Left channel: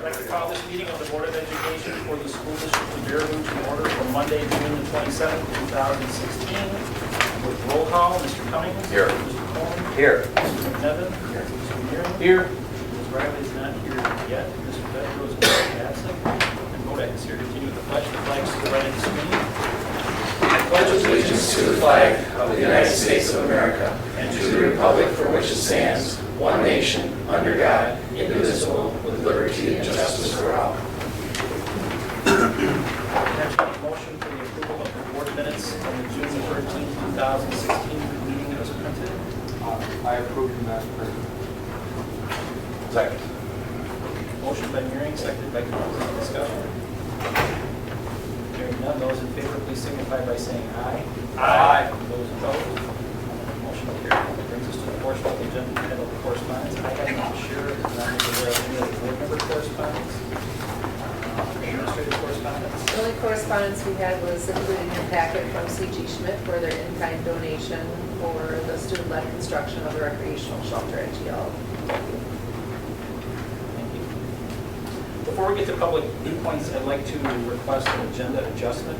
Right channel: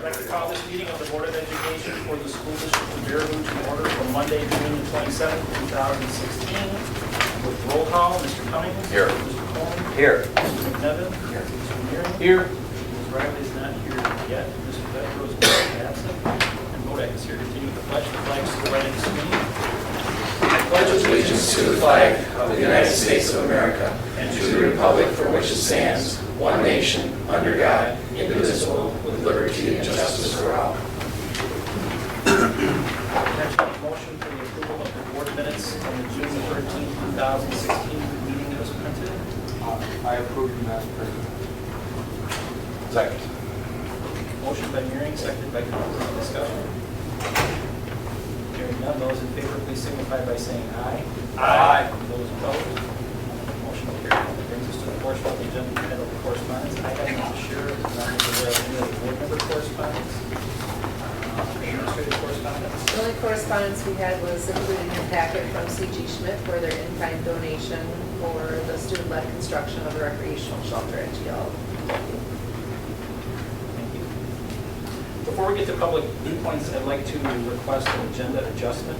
I'd like to call this meeting of the Board of Education for the School District of Baraboo to order for Monday, June the 27th, 2016. With roll call, Mr. Cummings. Here. Mr. Coleman. Here. Mr. McNevin. Here. Mr. Mearing. Here. Ms. Riley is not here yet. Mr. Petro is absent. And Bodak is here. Continue with the pledge. The flag is to the right of the screen. I pledge allegiance to the flag of the United States of America and to the republic for which it stands, one nation, under God, indivisible, with liberty and justice for all. Entertaining motion for the approval of the board minutes from the June 13th, 2016 meeting as printed. I approve that. Second. Motion by Mearing, seconded by Coleman. Any discussion? Hearing none, those in favor, please signify by saying aye. Aye. Those opposed? Motion carried. Brings us to the portion of the agenda entitled correspondence. I am not sure, not aware of any of the board member correspondence. Administrative correspondence. The only correspondence we had was included in your packet from C.G. Schmidt for their in-kind donation for the student-led construction of the recreational shelter at GL. Thank you. Before we get to public viewpoints, I'd like to request an agenda adjustment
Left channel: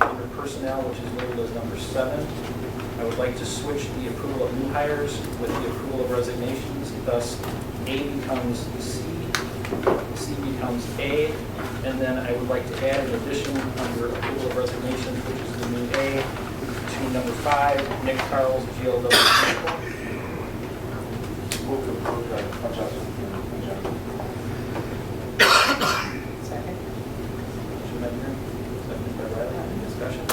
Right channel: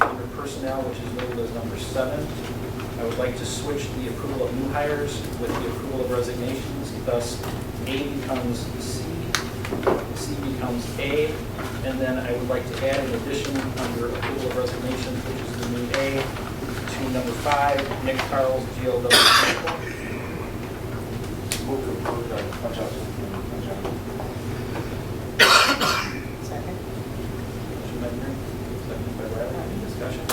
under personnel, which is labeled as number 7. I would like to switch the approval of new hires with the approval of resignations. Thus, A becomes C, C becomes A, and then I would like to add an addition under approval of resignations, which is the new A, to number 5, Nick Carls, GLW. Move to approve that adjustment. Second. Motion by Mearing, seconded by Riley. Any discussion?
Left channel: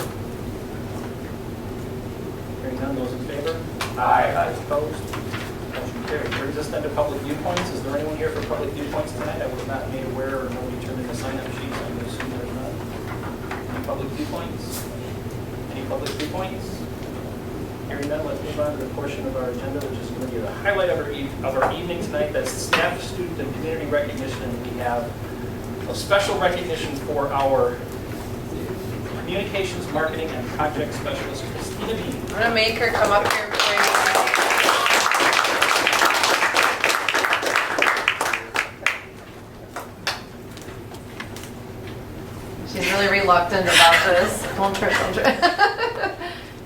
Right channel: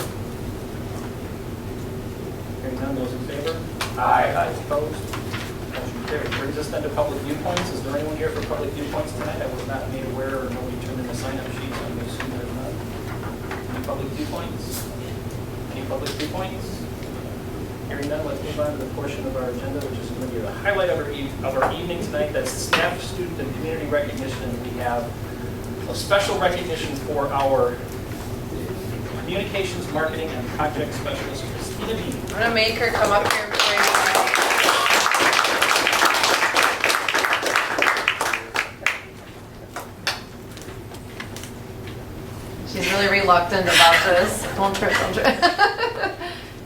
Hearing none, those in favor? Aye. Those opposed? Motion carried. Brings us then to public viewpoints. Is there anyone here for public viewpoints tonight? I was not made aware, or nobody turned in a sign-up sheet, so I'm going to assume there's none. Any public viewpoints? Any public viewpoints? Hearing none, let's move on to the portion of our agenda, which is going to be the highlight of our evening tonight. That's staff, student, and community recognition. And we have a special recognition for our communications, marketing, and project specialist, Christina Bean. I'm going to make her come up here before you. She's really reluctant about this. Don't trip, don't trip.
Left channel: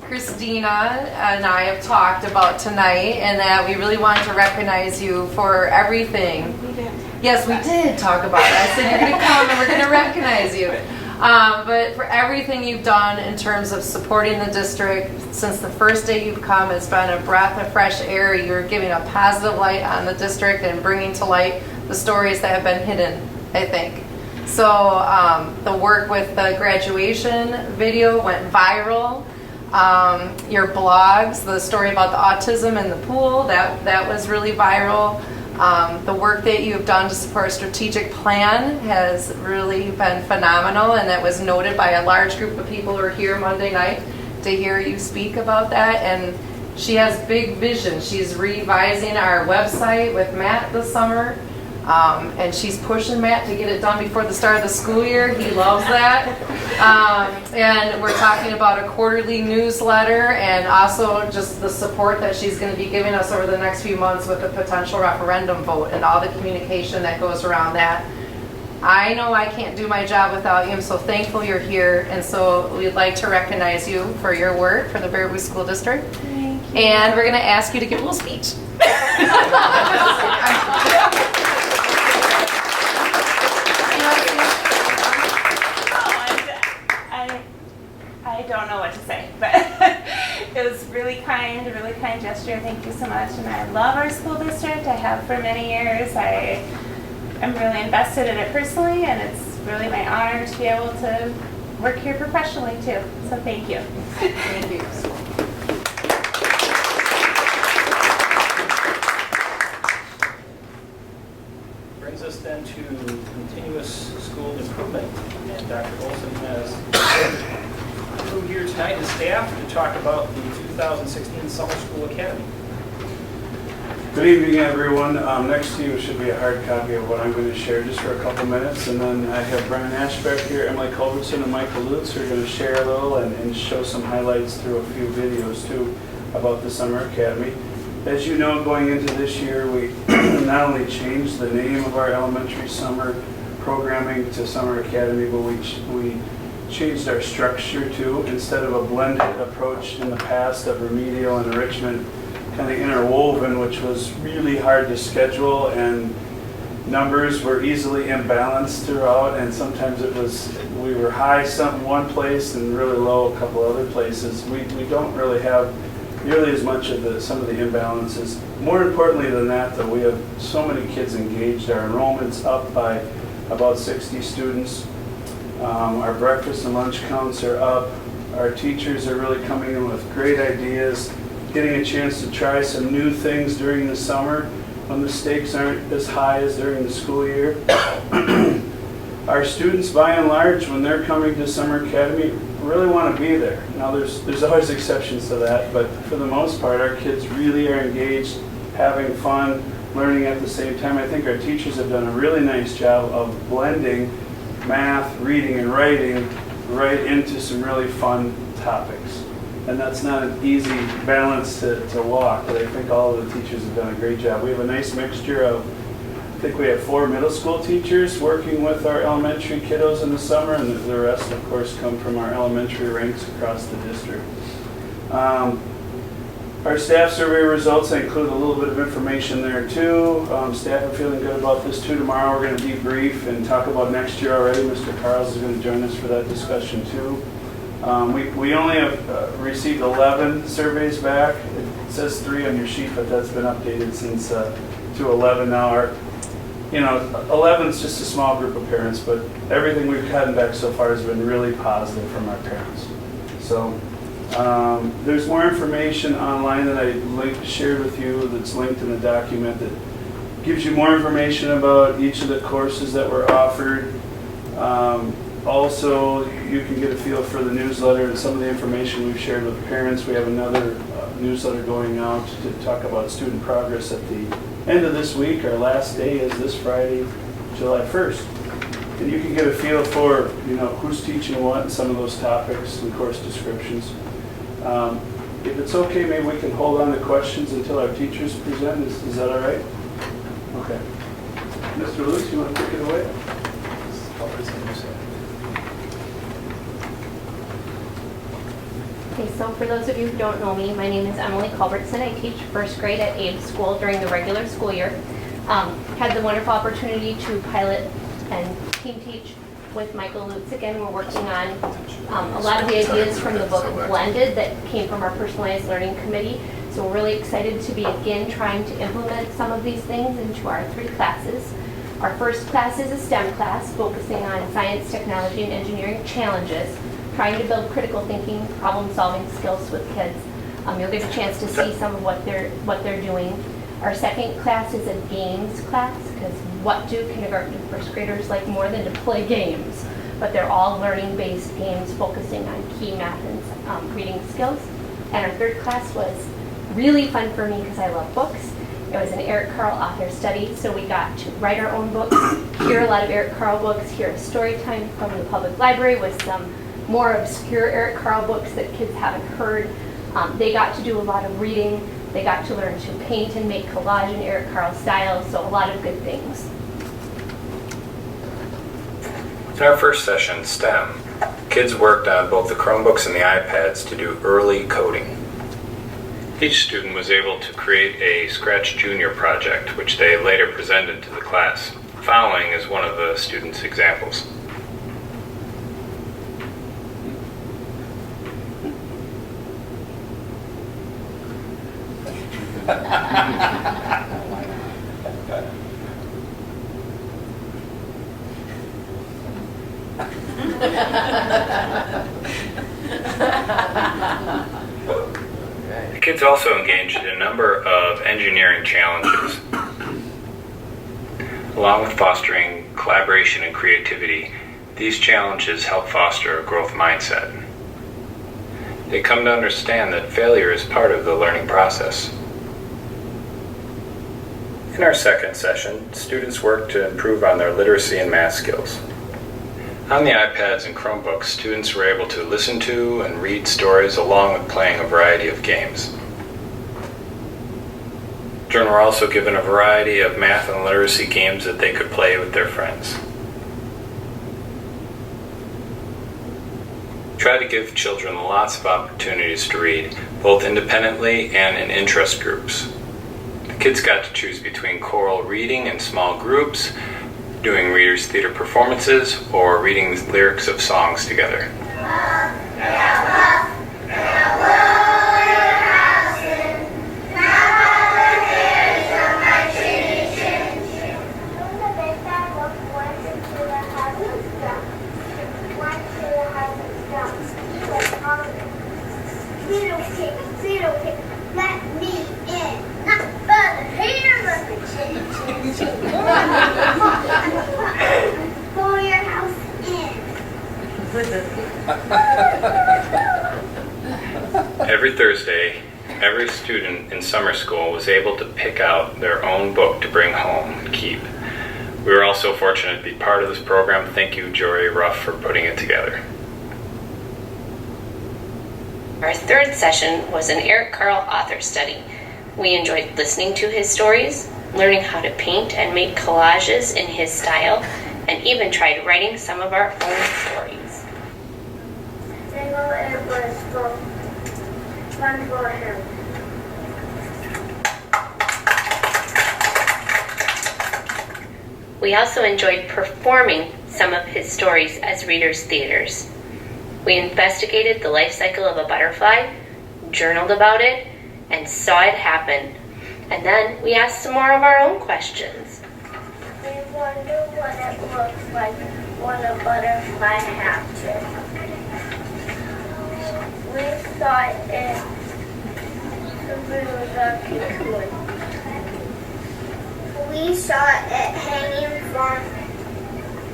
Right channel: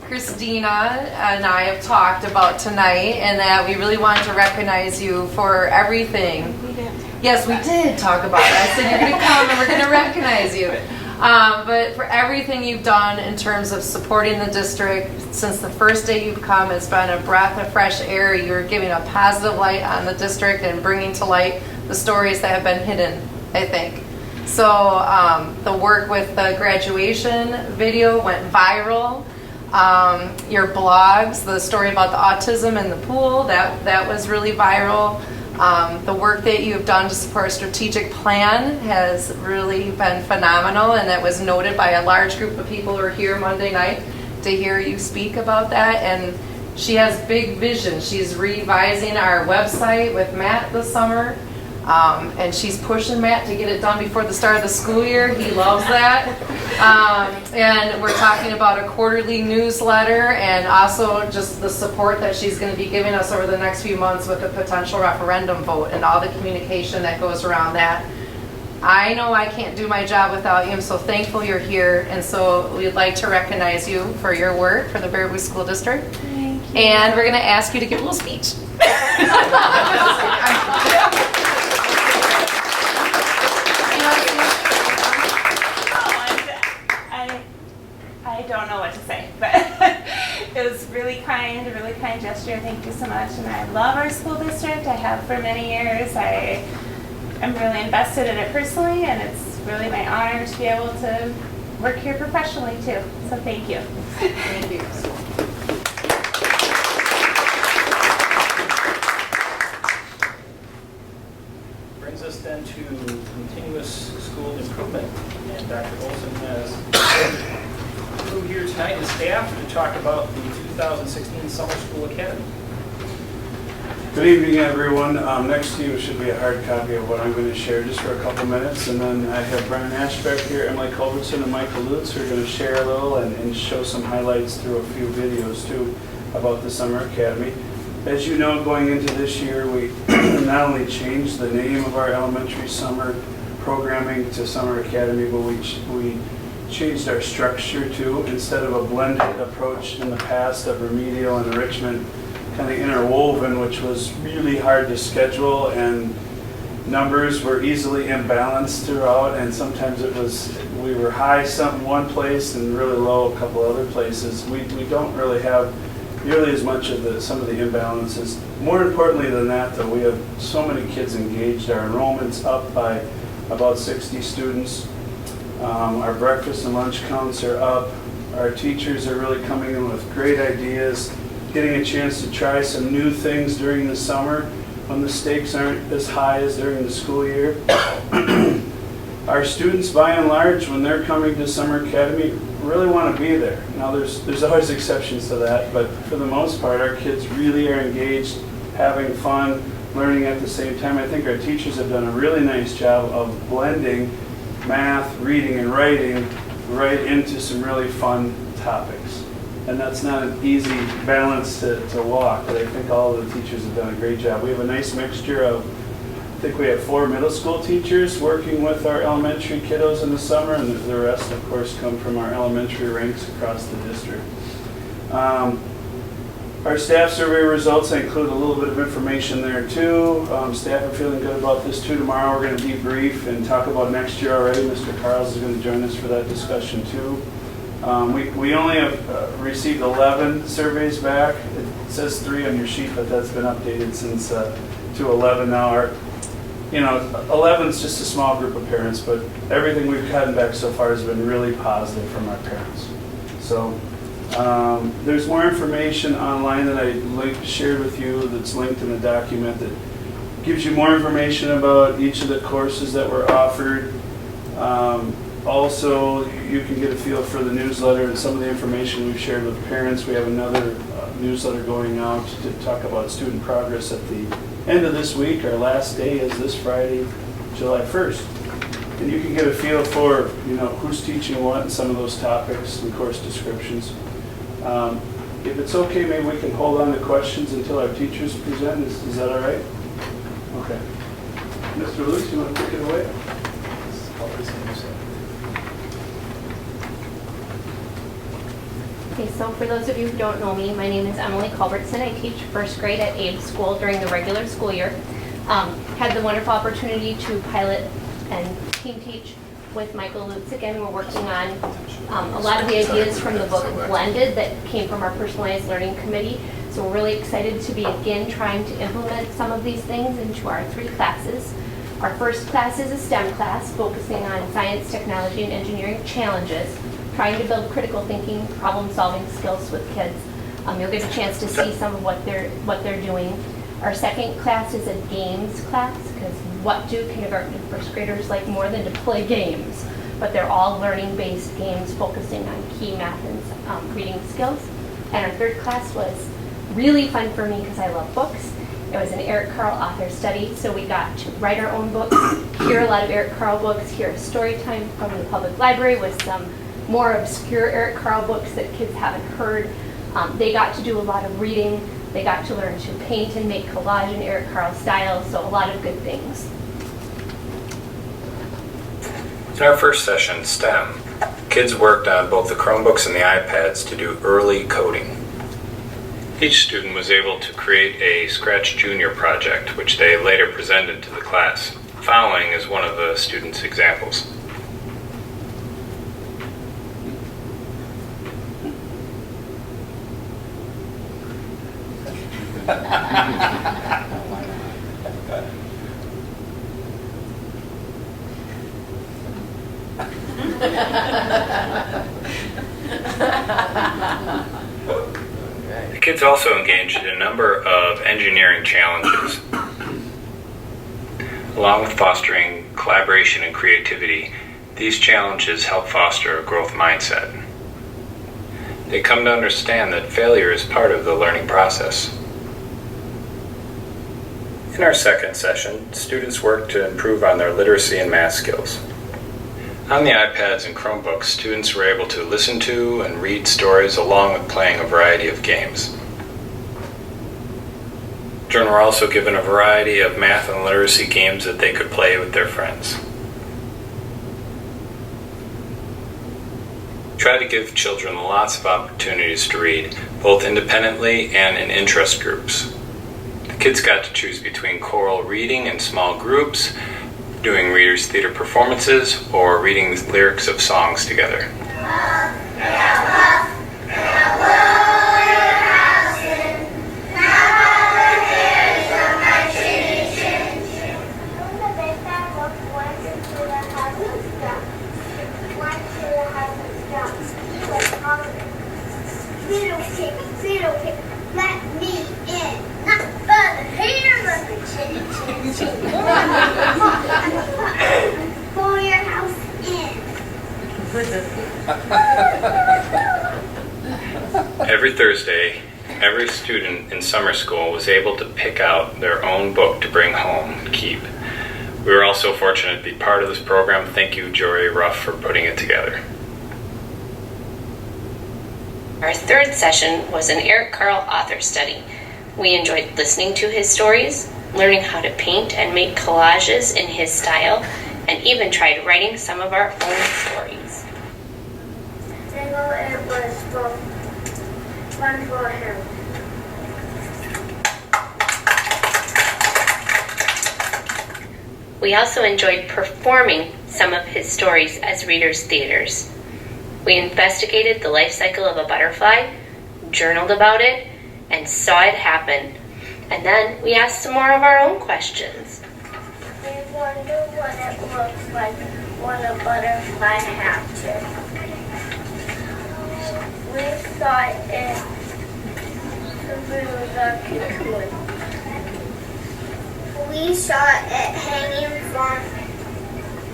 Christina and I have talked about tonight and that we really want to recognize you for everything. We did. Yes, we did talk about it. I said you're going to come and we're going to recognize you. But for everything you've done in terms of supporting the district, since the first day you've come, it's been a breath of fresh air. You're giving a positive light on the district and bringing to light the stories that have been hidden, I think. So the work with the graduation video went viral. Your blogs, the story about the autism in the pool, that was really viral. The work that you've done to support a strategic plan has really been phenomenal, and that was noted by a large group of people who were here Monday night to hear you speak about that. And she has big vision. She's revising our website with Matt this summer. And she's pushing Matt to get it done before the start of the school year. He loves that. And we're talking about a quarterly newsletter and also just the support that she's going to be giving us over the next few months with a potential referendum vote and all the communication that goes around that. I know I can't do my job without you. I'm so thankful you're here. And so we'd like to recognize you for your work for the Baraboo School District. Thank you. And we're going to ask you to give a little speech. I don't know what to say, but it was really kind, a really kind gesture. Thank you so much. And I love our school district. I have for many years. I'm really invested in it personally, and it's really my honor to be able to work here professionally too. So thank you. Thank you. Brings us then to continuous school improvement, and Dr. Olson has crew here tonight, his staff, to talk about the 2016 Summer School Academy. Good evening, everyone. Next to you should be a hard copy of what I'm going to share just for a couple minutes, and then I have Brian Ashbeck here, Emily Culbertson, and Michael Lutz who are going to share a little and show some highlights through a few videos too about the Summer Academy. As you know, going into this year, we not only changed the name of our elementary summer programming to Summer Academy, but we changed our structure too. Instead of a blended approach in the past of remedial and enrichment kind of interwoven, which was really hard to schedule, and numbers were easily imbalanced throughout, and sometimes we were high one place and really low a couple other places. We don't really have nearly as much of some of the imbalances. More importantly than that, though, we have so many kids engaged. Our enrollment's up by about 60 students. Our breakfast and lunch counts are up. Our teachers are really coming in with great ideas, getting a chance to try some new things during the summer when the stakes aren't as high as during the school year. Our students, by and large, when they're coming to Summer Academy, really want to be there. Now, there's always exceptions to that, but for the most part, our kids really are engaged, having fun, learning at the same time. I think our teachers have done a really nice job of blending math, reading, and writing right into some really fun topics. And that's not an easy balance to walk, but I think all of the teachers have done a great job. We have a nice mixture of, I think we have 4 middle school teachers working with our elementary kiddos in the summer, and the rest, of course, come from our elementary ranks across the district. Our staff survey results, I include a little bit of information there too. Staff are feeling good about this too. Tomorrow we're going to debrief and talk about next year already. Mr. Carls is going to join us for that discussion too. We only have received 11 surveys back. It says 3 on your sheet, but that's been updated since to 11 now. 11 is just a small group of parents, but everything we've gotten back so far has been really positive from our parents. So there's more information online that I shared with you that's linked in the document that gives you more information about each of the courses that were offered. Also, you can get a feel for the newsletter and some of the information we've shared with parents. We have another newsletter going out to talk about student progress at the end of this week. Our last day is this Friday, July 1st. And you can get a feel for, who's teaching what and some of those topics and course descriptions. If it's okay, maybe we can hold on to questions until our teachers present. Is that all right? Okay. Mr. Lutz, you want to take it away? Okay, so for those of you who don't know me, my name is Emily Culbertson. I teach first grade at Abe School during the regular school year. Had the wonderful opportunity to pilot and team teach with Michael Lutz again. We're working on a lot of the ideas from the book Blended that came from our personalized learning committee. So we're really excited to be again trying to implement some of these things into our 3 classes. Our first class is a STEM class focusing on science, technology, and engineering challenges, trying to build critical thinking, problem-solving skills with kids. You'll get a chance to see some of what they're doing. Our second class is a games class, because what do kindergarten and first graders like more than to play games? But they're all learning-based games focusing on key math and reading skills. And our third class was really fun for me because I love books. It was an Eric Carle author study, so we got to write our own books, hear a lot of Eric Carle books, hear a story time from the public library with some more obscure Eric Carle books that kids haven't heard. They got to do a lot of reading. They got to learn to paint and make collage in Eric Carle style, so a lot of good things. In our first session, STEM, kids worked on both the Chromebooks and the iPads to do early coding. Each student was able to create a Scratch Junior project, which they later presented to the class. Following is one of the students' examples. The kids also engaged in a number of engineering challenges. Along with fostering collaboration and creativity, these challenges help foster a growth mindset. They come to understand that failure is part of the learning process. In our second session, students worked to improve on their literacy and math skills. On the iPads and Chromebooks, students were able to listen to and read stories along with playing a variety of games. Children were also given a variety of math and literacy games that they could play with their friends. Try to give children lots of opportunities to read, both independently and in interest groups. The kids got to choose between choral reading in small groups, doing Reader's Theater performances, or reading the lyrics of songs together. Let me in. But here's a for your house in. Every Thursday, every student in summer school was able to pick out their own book to bring home and keep. We were also fortunate to be part of this program. Thank you, Jory Ruff, for putting it together. Our third session was an Eric Carle author study. We enjoyed listening to his stories, learning how to paint and make collages in his style, and even tried writing some of our own stories. Single it was fun for him. We also enjoyed performing some of his stories as Reader's Theaters. We investigated the life cycle of a butterfly, journaled about it, and saw it happen. And then we asked some more of our own questions. We wonder what it looks like when a butterfly hatches. We saw it through the cocoon. We saw it hanging from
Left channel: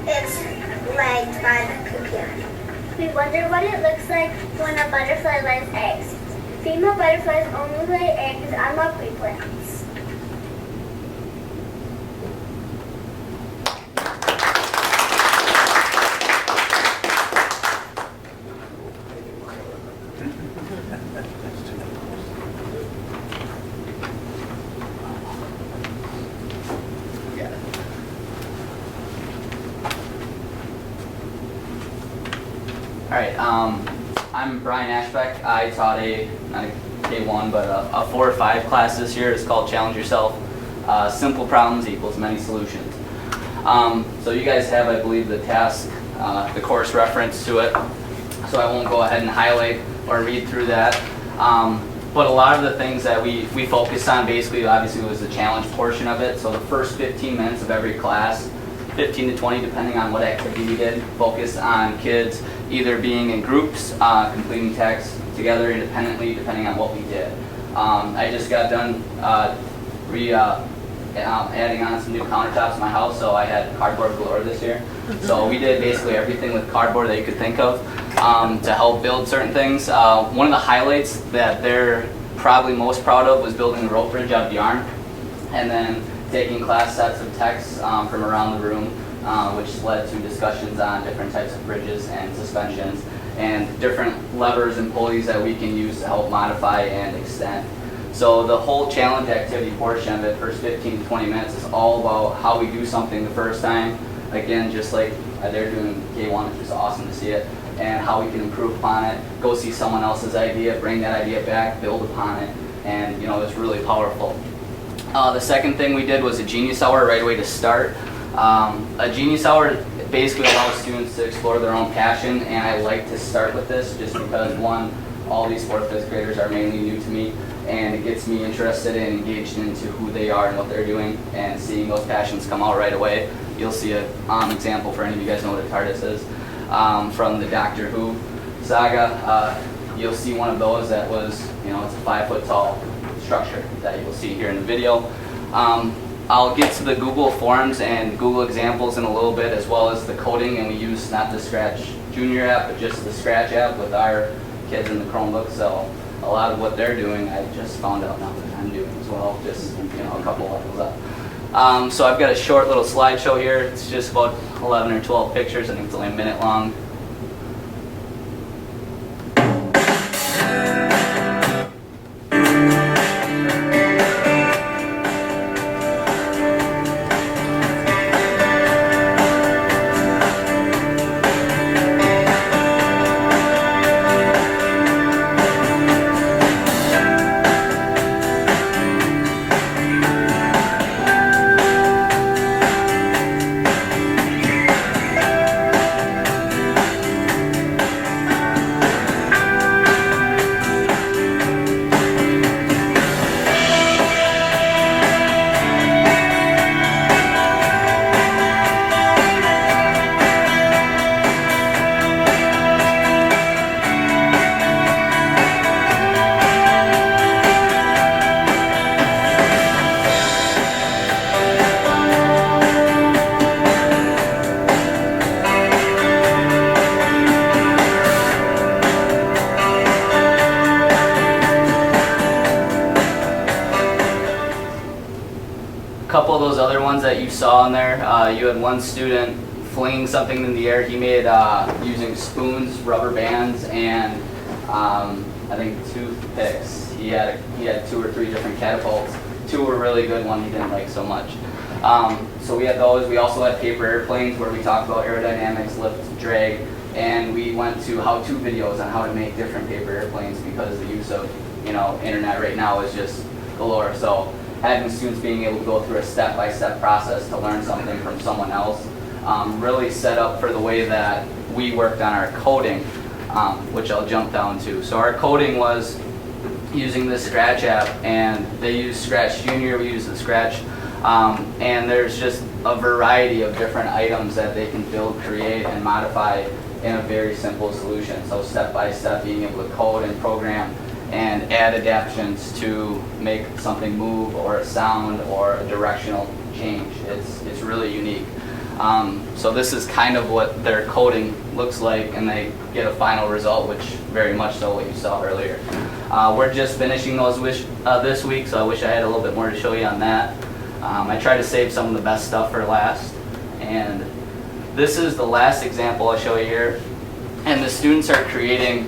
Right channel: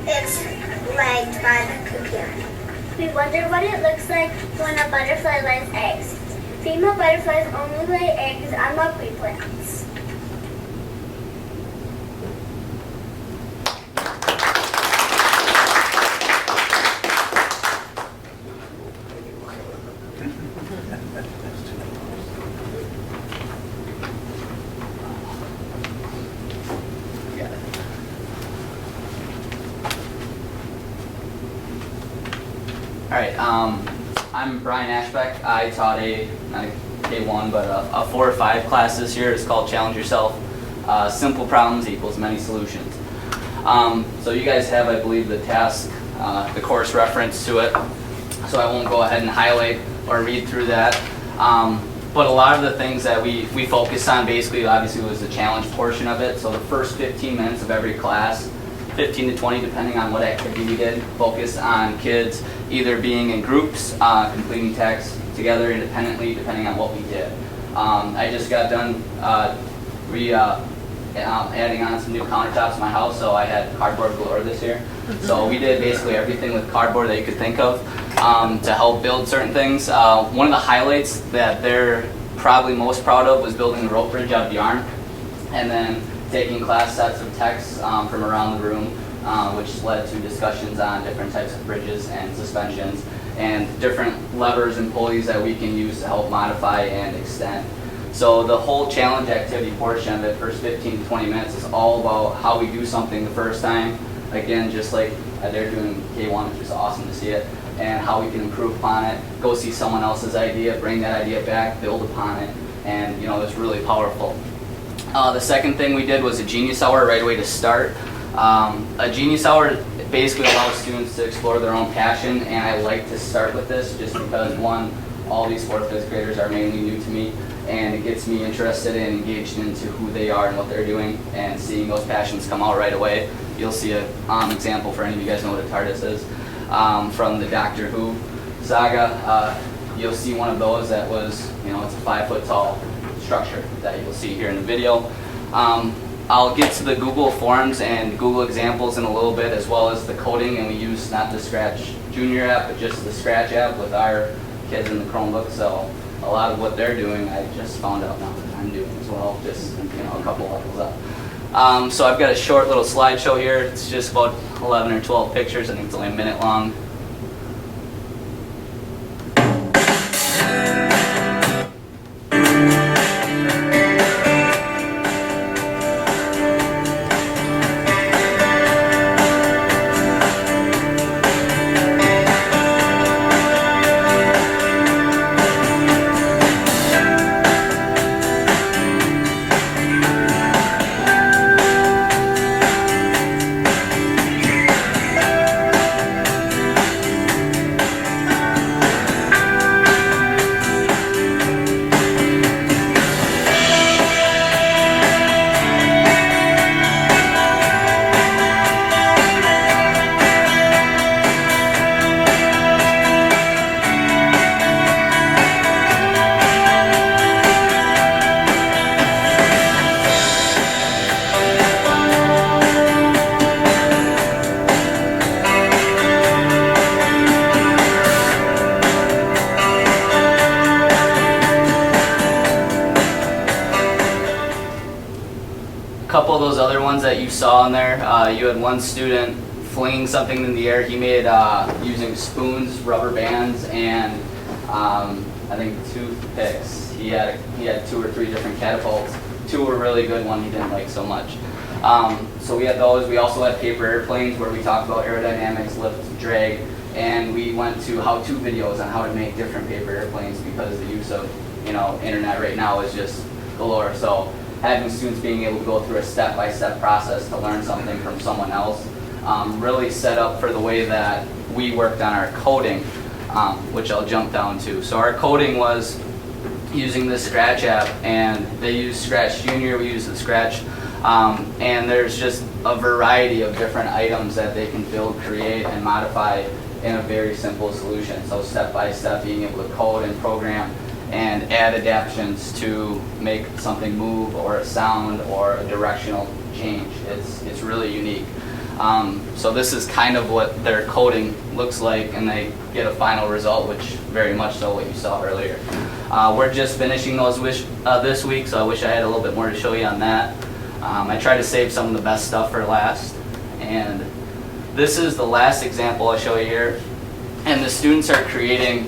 its legs by the cocoon. We wonder what it looks like when a butterfly lays eggs. Female butterflies only lay eggs on milkweed plants. All right, I'm Brian Ashbeck. I taught not a K1, but a 4 or 5 class this year. It's called Challenge Yourself. Simple problems equals many solutions. So you guys have, I believe, the task, the course reference to it. So I won't go ahead and highlight or read through that. But a lot of the things that we focused on basically, obviously, was the challenge portion of it. So the first 15 minutes of every class, 15 to 20, depending on what activity we did, focused on kids either being in groups, completing tasks together independently, depending on what we did. I just got done adding on some new countertops in my house, so I had cardboard galore this year. So we did basically everything with cardboard that you could think of to help build certain things. One of the highlights that they're probably most proud of was building a rope bridge out of yarn, and then taking class sets of texts from around the room, which led to discussions on different types of bridges and suspensions and different levers and pulleys that we can use to help modify and extend. So the whole challenge activity portion of it, first 15 to 20 minutes, is all about how we do something the first time. Again, just like they're doing K1, which is awesome to see it, and how we can improve upon it, go see someone else's idea, bring that idea back, build upon it, and it's really powerful. The second thing we did was a Genius Hour right away to start. A Genius Hour basically allows students to explore their own passion, and I like to start with this just because, one, all these 4th, 5th graders are mainly new to me, and it gets me interested and engaged into who they are and what they're doing, and seeing those passions come out right away. You'll see an example for any of you guys know what a TARDIS is. From the Doctor Who saga, you'll see one of those that was, it's a 5-foot tall structure that you'll see here in the video. I'll get to the Google Forms and Google examples in a little bit, as well as the coding, and we use not the Scratch Junior app, but just the Scratch app with our kids in the Chromebook. So a lot of what they're doing, I just found out now that I'm doing as well, just a couple levels up. So I've got a short little slideshow here. It's just about 11 or 12 pictures. I think it's only a minute long. those other ones that you saw in there, you had one student flinging something in the air. He made using spoons, rubber bands, and I think toothpicks. He had 2 or 3 different catapults. 2 were really good, one he didn't like so much. So we had those. We also had paper airplanes where we talked about aerodynamics, lift, drag, and we went to how-to videos on how to make different paper airplanes because the use of internet right now is just galore. So having students being able to go through a step-by-step process to learn something from someone else really set up for the way that we worked on our coding, which I'll jump down to. So our coding was using the Scratch app, and they use Scratch Junior, we use the Scratch, and there's just a variety of different items that they can build, create, and modify in a very simple solution. So step by step, being able to code and program and add adaptions to make something move, or a sound, or a directional change. It's really unique. So this is kind of what their coding looks like, and they get a final result, which very much so what you saw earlier. We're just finishing those this week, so I wish I had a little bit more to show you on that. I try to save some of the best stuff for last, and this is the last example I'll show you here. And the students are creating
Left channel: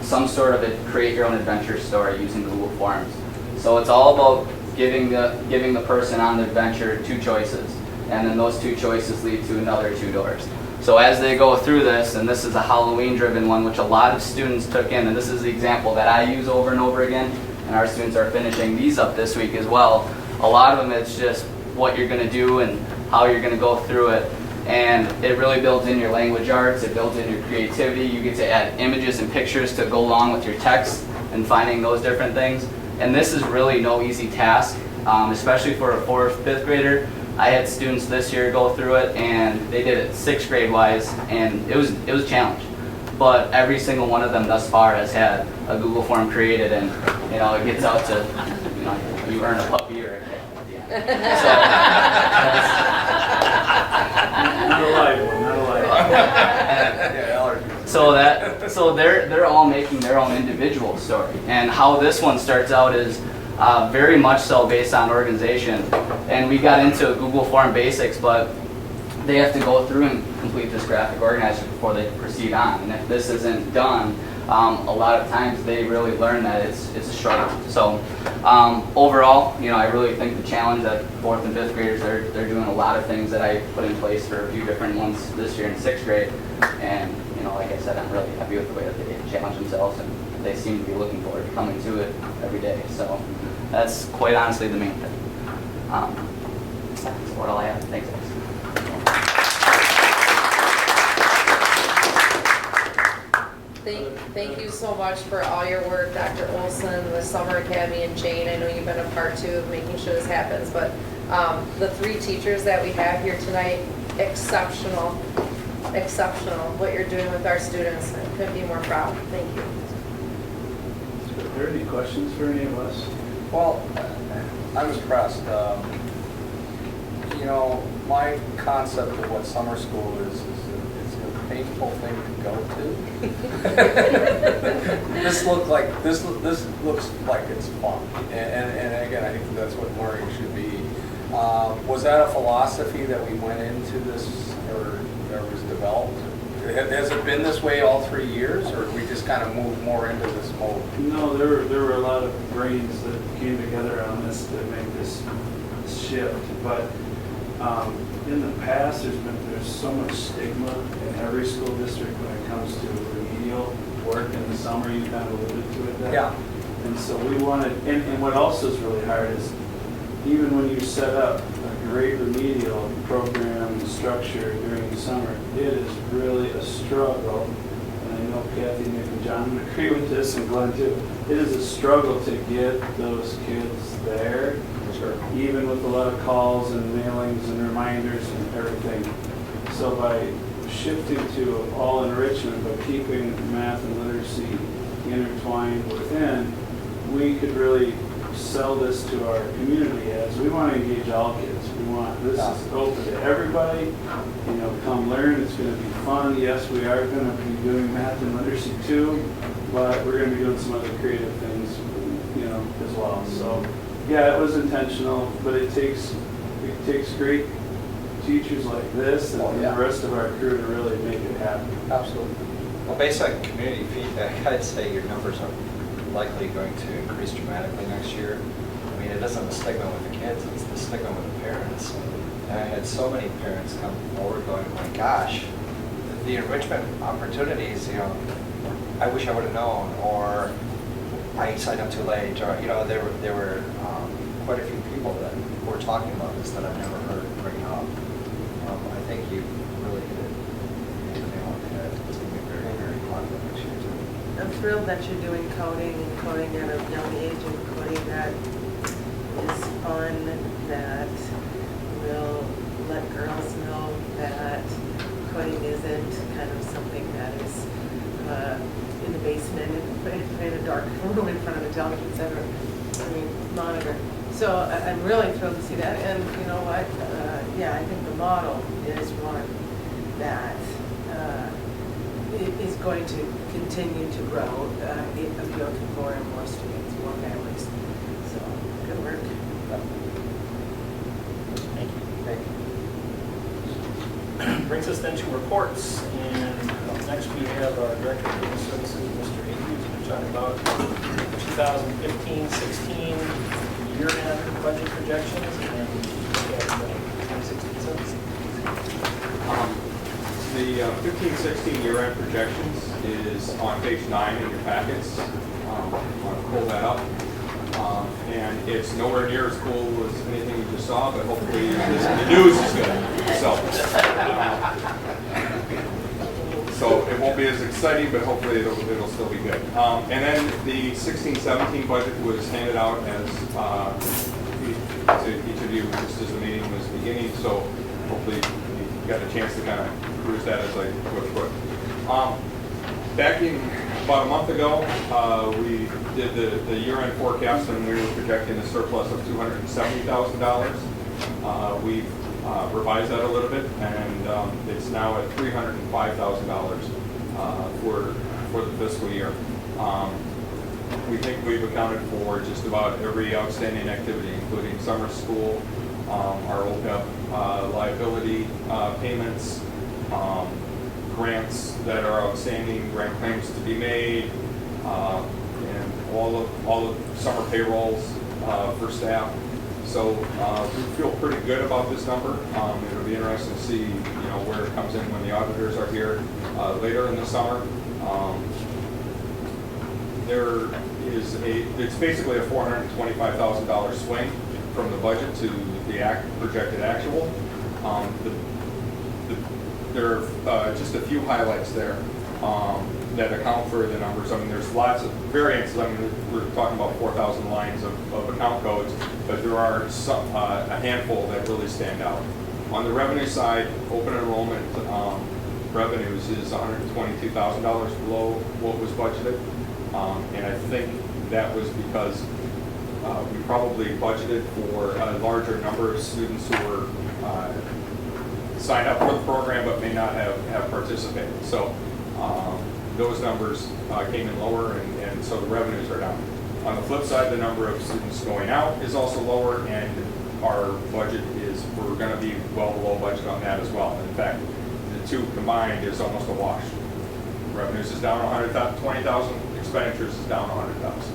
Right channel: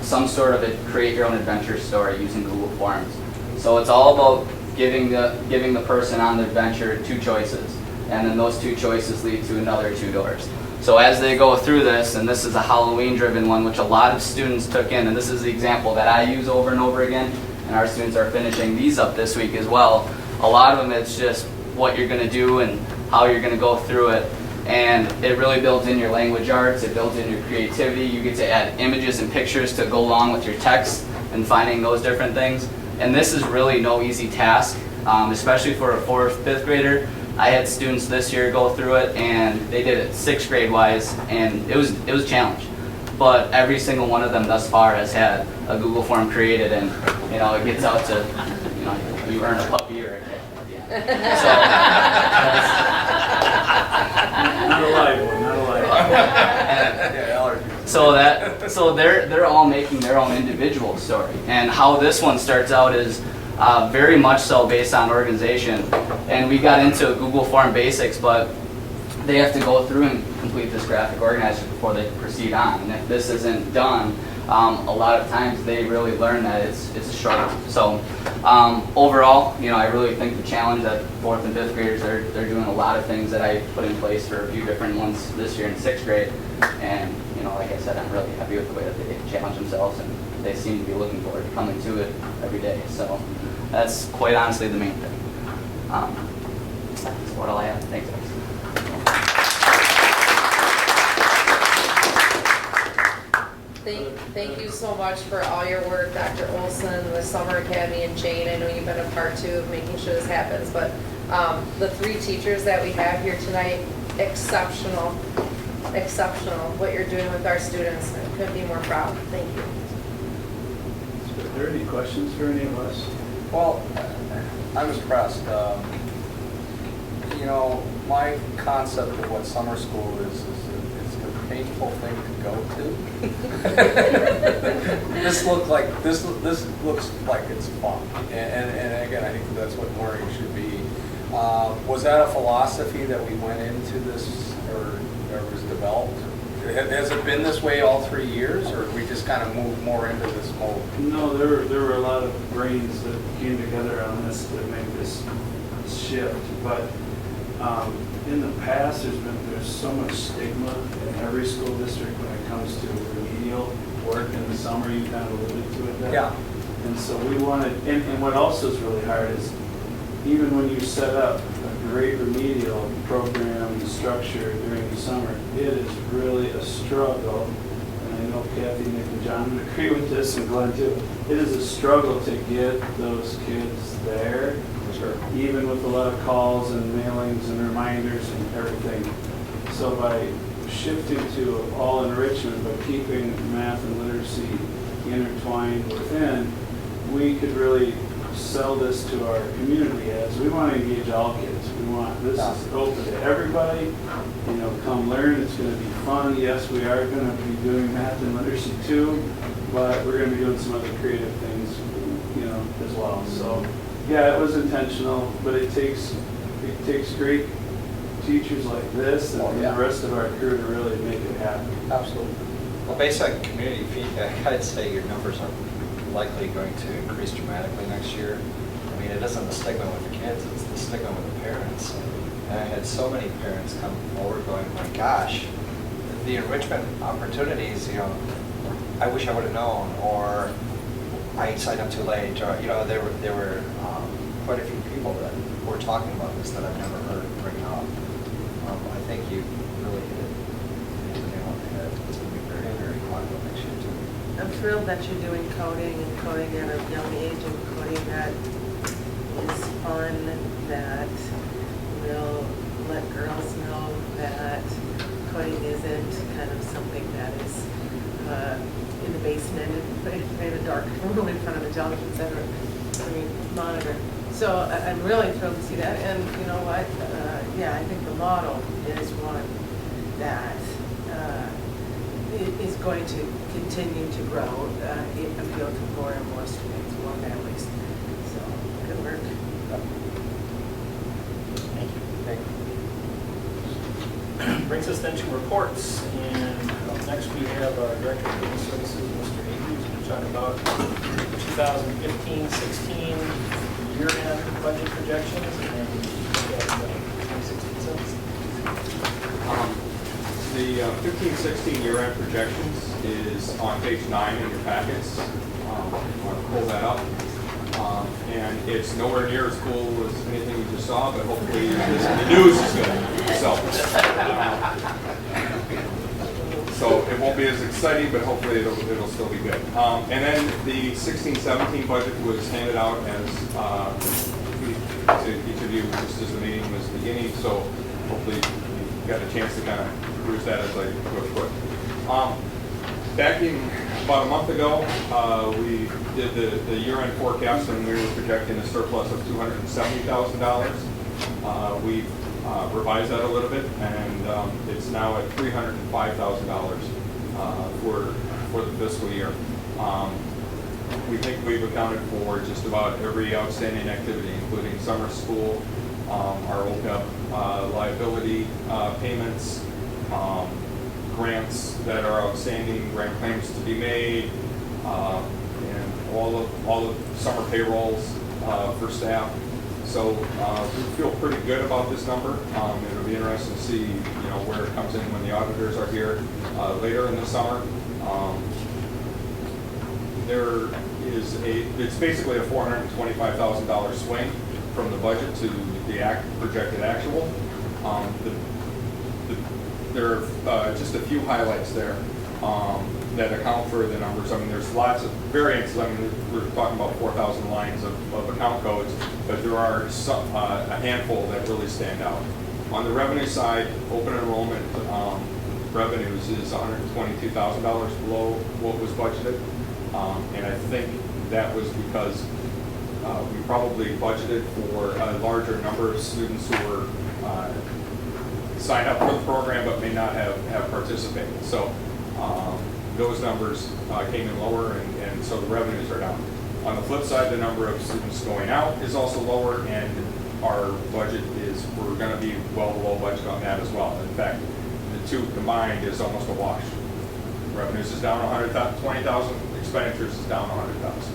some sort of a create your own adventure story using Google Forms. So it's all about giving the person on the adventure 2 choices, and then those 2 choices lead to another 2 doors. So as they go through this, and this is a Halloween-driven one, which a lot of students took in, and this is the example that I use over and over again, and our students are finishing these up this week as well. A lot of them, it's just what you're going to do and how you're going to go through it, and it really builds in your language arts, it builds in your creativity. You get to add images and pictures to go along with your text and finding those different things. And this is really no easy task, especially for a 4th, 5th grader. I had students this year go through it, and they did it 6th grade wise, and it was a challenge. But every single one of them thus far has had a Google form created, and it gets out to you earn a puppy or a cat. Not a live one, not a live one. So they're all making their own individual story, and how this one starts out is very much so based on organization. And we got into Google Form basics, but they have to go through and complete this graphic organizer before they proceed on. And if this isn't done, a lot of times they really learn that it's a struggle. So overall, I really think the challenge that 4th and 5th graders, they're doing a lot of things that I put in place for a few different ones this year in 6th grade. And like I said, I'm really happy with the way that they challenge themselves, and they seem to be looking forward to coming to it every day. So that's quite honestly the main thing. That's what all I have. Thanks, guys. Thank you so much for all your work, Dr. Olson, the Summer Academy, and Jane. I know you've been a part too of making sure this happens, but the 3 teachers that we have here tonight, exceptional. What you're doing with our students. I couldn't be more proud. Thank you. Are there any questions for any of us? Well, I'm impressed. My concept of what summer school is a painful thing to go to. This looks like it's fun, and again, I think that's what learning should be. Was that a philosophy that we went into this, or was developed? Has it been this way all 3 years, or we just kind of moved more into this mode? No, there were a lot of brains that came together on this to make this shift. But in the past, there's so much stigma in every school district when it comes to remedial work in the summer. You kind of alluded to it there. Yeah. And so we wanted, and what also is really hard is, even when you set up a great remedial program and structure during the summer, it is really a struggle. And I know Kathy, Nick, and John would agree with this, and Glenn too. It is a struggle to get those kids there, even with a lot of calls and mailings and reminders and everything. So by shifting to all enrichment, but keeping math and literacy intertwined within, we could really sell this to our community as we want to engage all kids. We want this is open to everybody. Come learn. It's going to be fun. Yes, we are going to be doing math and literacy too, but we're going to be doing some other creative things, as well. So Yeah, it was intentional, but it takes great teachers like this and Oh, yeah. the rest of our crew to really make it happen. Absolutely. Well, based on community feedback, I'd say your numbers are likely going to increase dramatically next year. I mean, it isn't the stigma with the kids, it's the stigma with the parents. And I had so many parents come forward going, oh my gosh, the enrichment opportunities, you know, I wish I would have known, or I signed up too late, or, you know, there were quite a few people that were talking about this that I've never heard bring up. I think you really hit the nail on the head. It's going to be very, very popular next year too. I'm thrilled that you're doing coding and coding at a young age and coding that is fun, that will let girls know that coding isn't kind of something that is in the basement, in a dark room in front of a television center, monitor. So I'm really thrilled to see that, and you know what, yeah, I think the model is one that is going to continue to grow, appeal to more and more students, more families. So, good work. Thank you. Brings us then to reports, and up next we have our Director of Human Services, Mr. Andrews, who's talking about 2015-16 year-end budget projections and 2016-17. The 15-16 year-end projections is on page 9 in your packets. I'm going to pull that up. And it's nowhere near as cool as anything you just saw, but hopefully the news is good. So it won't be as exciting, but hopefully it'll still be good. And then the 16-17 budget was handed out to each of you just as the meeting was beginning. So hopefully you got a chance to kind of cruise that as I go through it. Back in about a month ago, we did the year-end forecast, and we were projecting a surplus of $270,000. We've revised that a little bit, and it's now at $305,000 for the fiscal year. We think we've accounted for just about every outstanding activity, including summer school, our OPEB liability payments, grants that are outstanding, grant claims to be made, and all of summer payrolls for staff. So we feel pretty good about this number. It'll be interesting to see, where it comes in when the auditors are here later in the summer. It's basically a $425,000 swing from the budget to the projected actual. There are just a few highlights there that account for the numbers. I mean, there's lots of variances. I mean, we're talking about 4,000 lines of account codes, but there are a handful that really stand out. On the revenue side, open enrollment revenues is $122,000 below what was budgeted, and I think that was because we probably budgeted for a larger number of students who were signed up for the program but may not have participated. So those numbers came in lower, and so the revenues are down. On the flip side, the number of students going out is also lower, and our budget we're going to be well below budget on that as well. In fact, the two combined is almost a wash. Revenues is down 120,000, expenditures is down 100,000.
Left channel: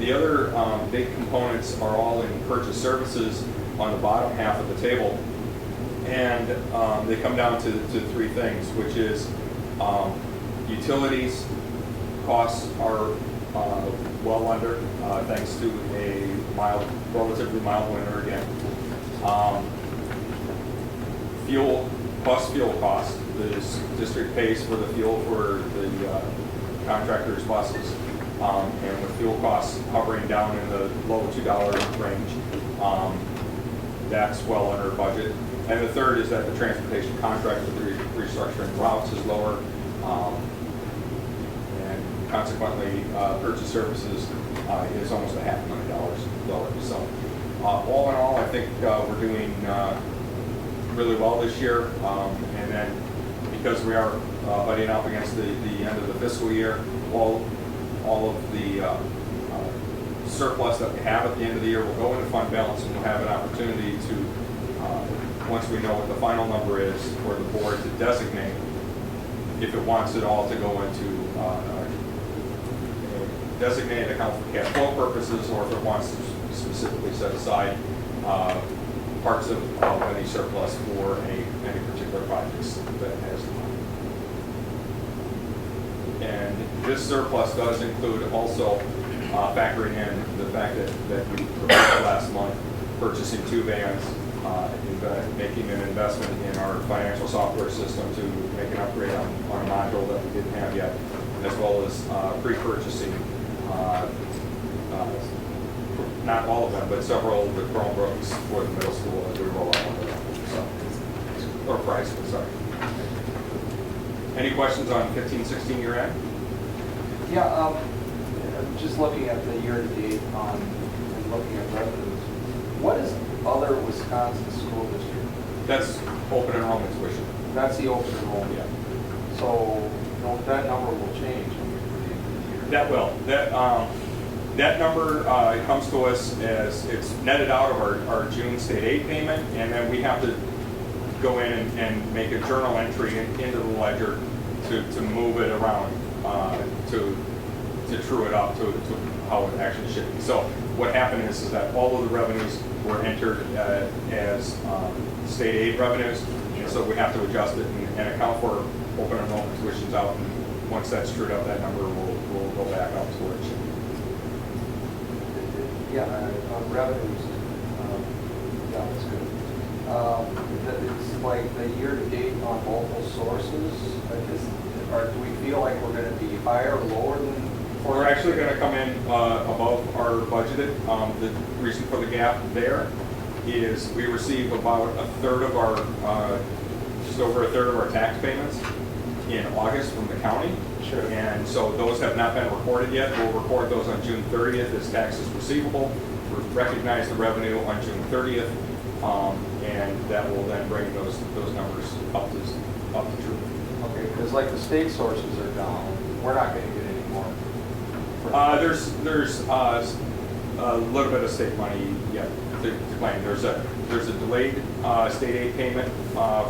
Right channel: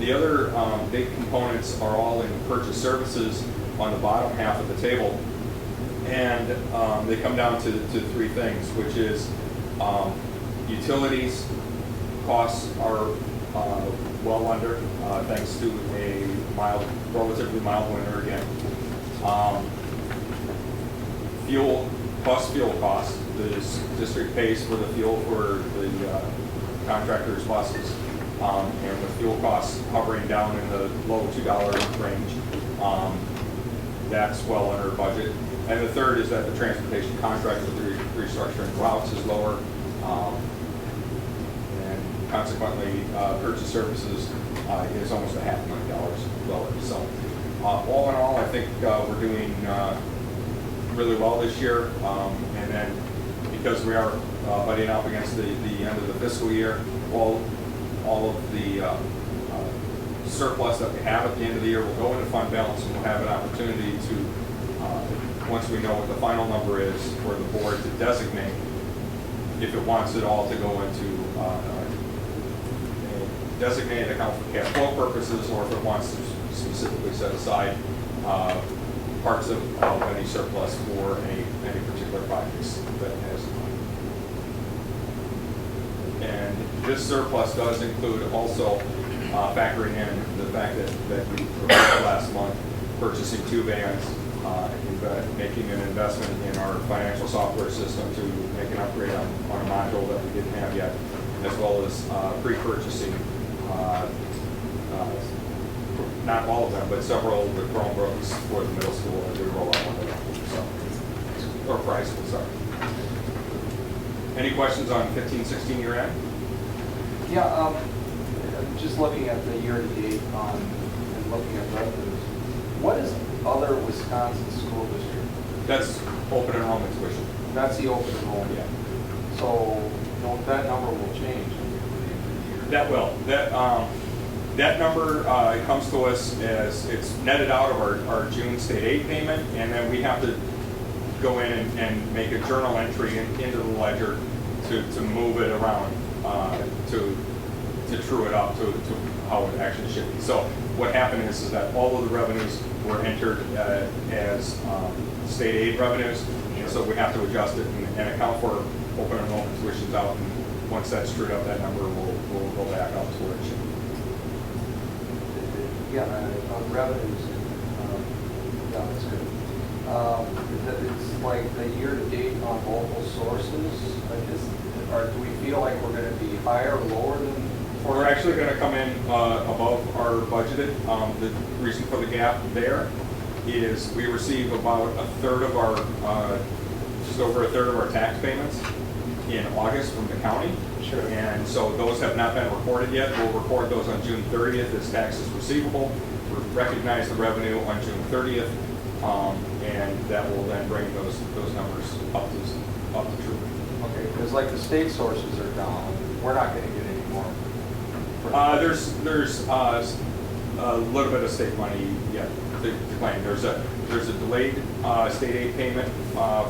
The other big components are all in purchase services on the bottom half of the table. And they come down to three things, which is utilities costs are well under, thanks to a relatively mild winter again. Fuel costs. The district pays for the fuel for the contractors' buses, and with fuel costs hovering down in the low $2 range, that's well under budget. And the third is that the transportation contract with the restructuring routes is lower, and consequently, purchase services is almost $500,000 lower. So, all in all, I think we're doing really well this year, and then because we are butting up against the end of the fiscal year, all of the surplus that we have at the end of the year will go into fund balance, and we'll have an opportunity to, once we know what the final number is, for the board to designate if it wants it all to go into a designated account for cash flow purposes, or if it wants to specifically set aside parts of any surplus for any particular projects that it has. And this surplus does include also factoring in the fact that we reported last month purchasing 2 vans, making an investment in our financial software system to make an upgrade on a module that we didn't have yet, as well as pre-purchasing, not all of them, but several of the Chromebooks for the middle school as we roll out one of them. So, or price, sorry. Any questions on 15-16 year end? Yeah, I'm just looking at the year-to-date and looking at revenues. What is other Wisconsin school district? That's open enrollment tuition. That's the open enrollment. Yeah. So that number will change. That will. That number comes to us as it's netted out of our June state aid payment, and then we have to go in and make a journal entry into the ledger to move it around, to true it up to how it actually should be. So what happened is that all of the revenues were entered as state aid revenues, so we have to adjust it and account for open enrollment tuitions out, and once that's trued up, that number will go back up to where it should be. Yeah, on revenues, yeah, that's good. It's like the year-to-date on multiple sources. Or do we feel like we're going to be higher or lower than? We're actually going to come in above our budgeted. The reason for the gap there is we receive about a third of our, just over a third of our tax payments in August from the county. Sure. And so those have not been recorded yet. We'll record those on June 30th as taxes receivable. We'll recognize the revenue on June 30th, and that will then bring those numbers up to true. Okay, because like the state sources are down, we're not going to get any more. There's a little bit of state money yet to claim. There's a delayed state aid payment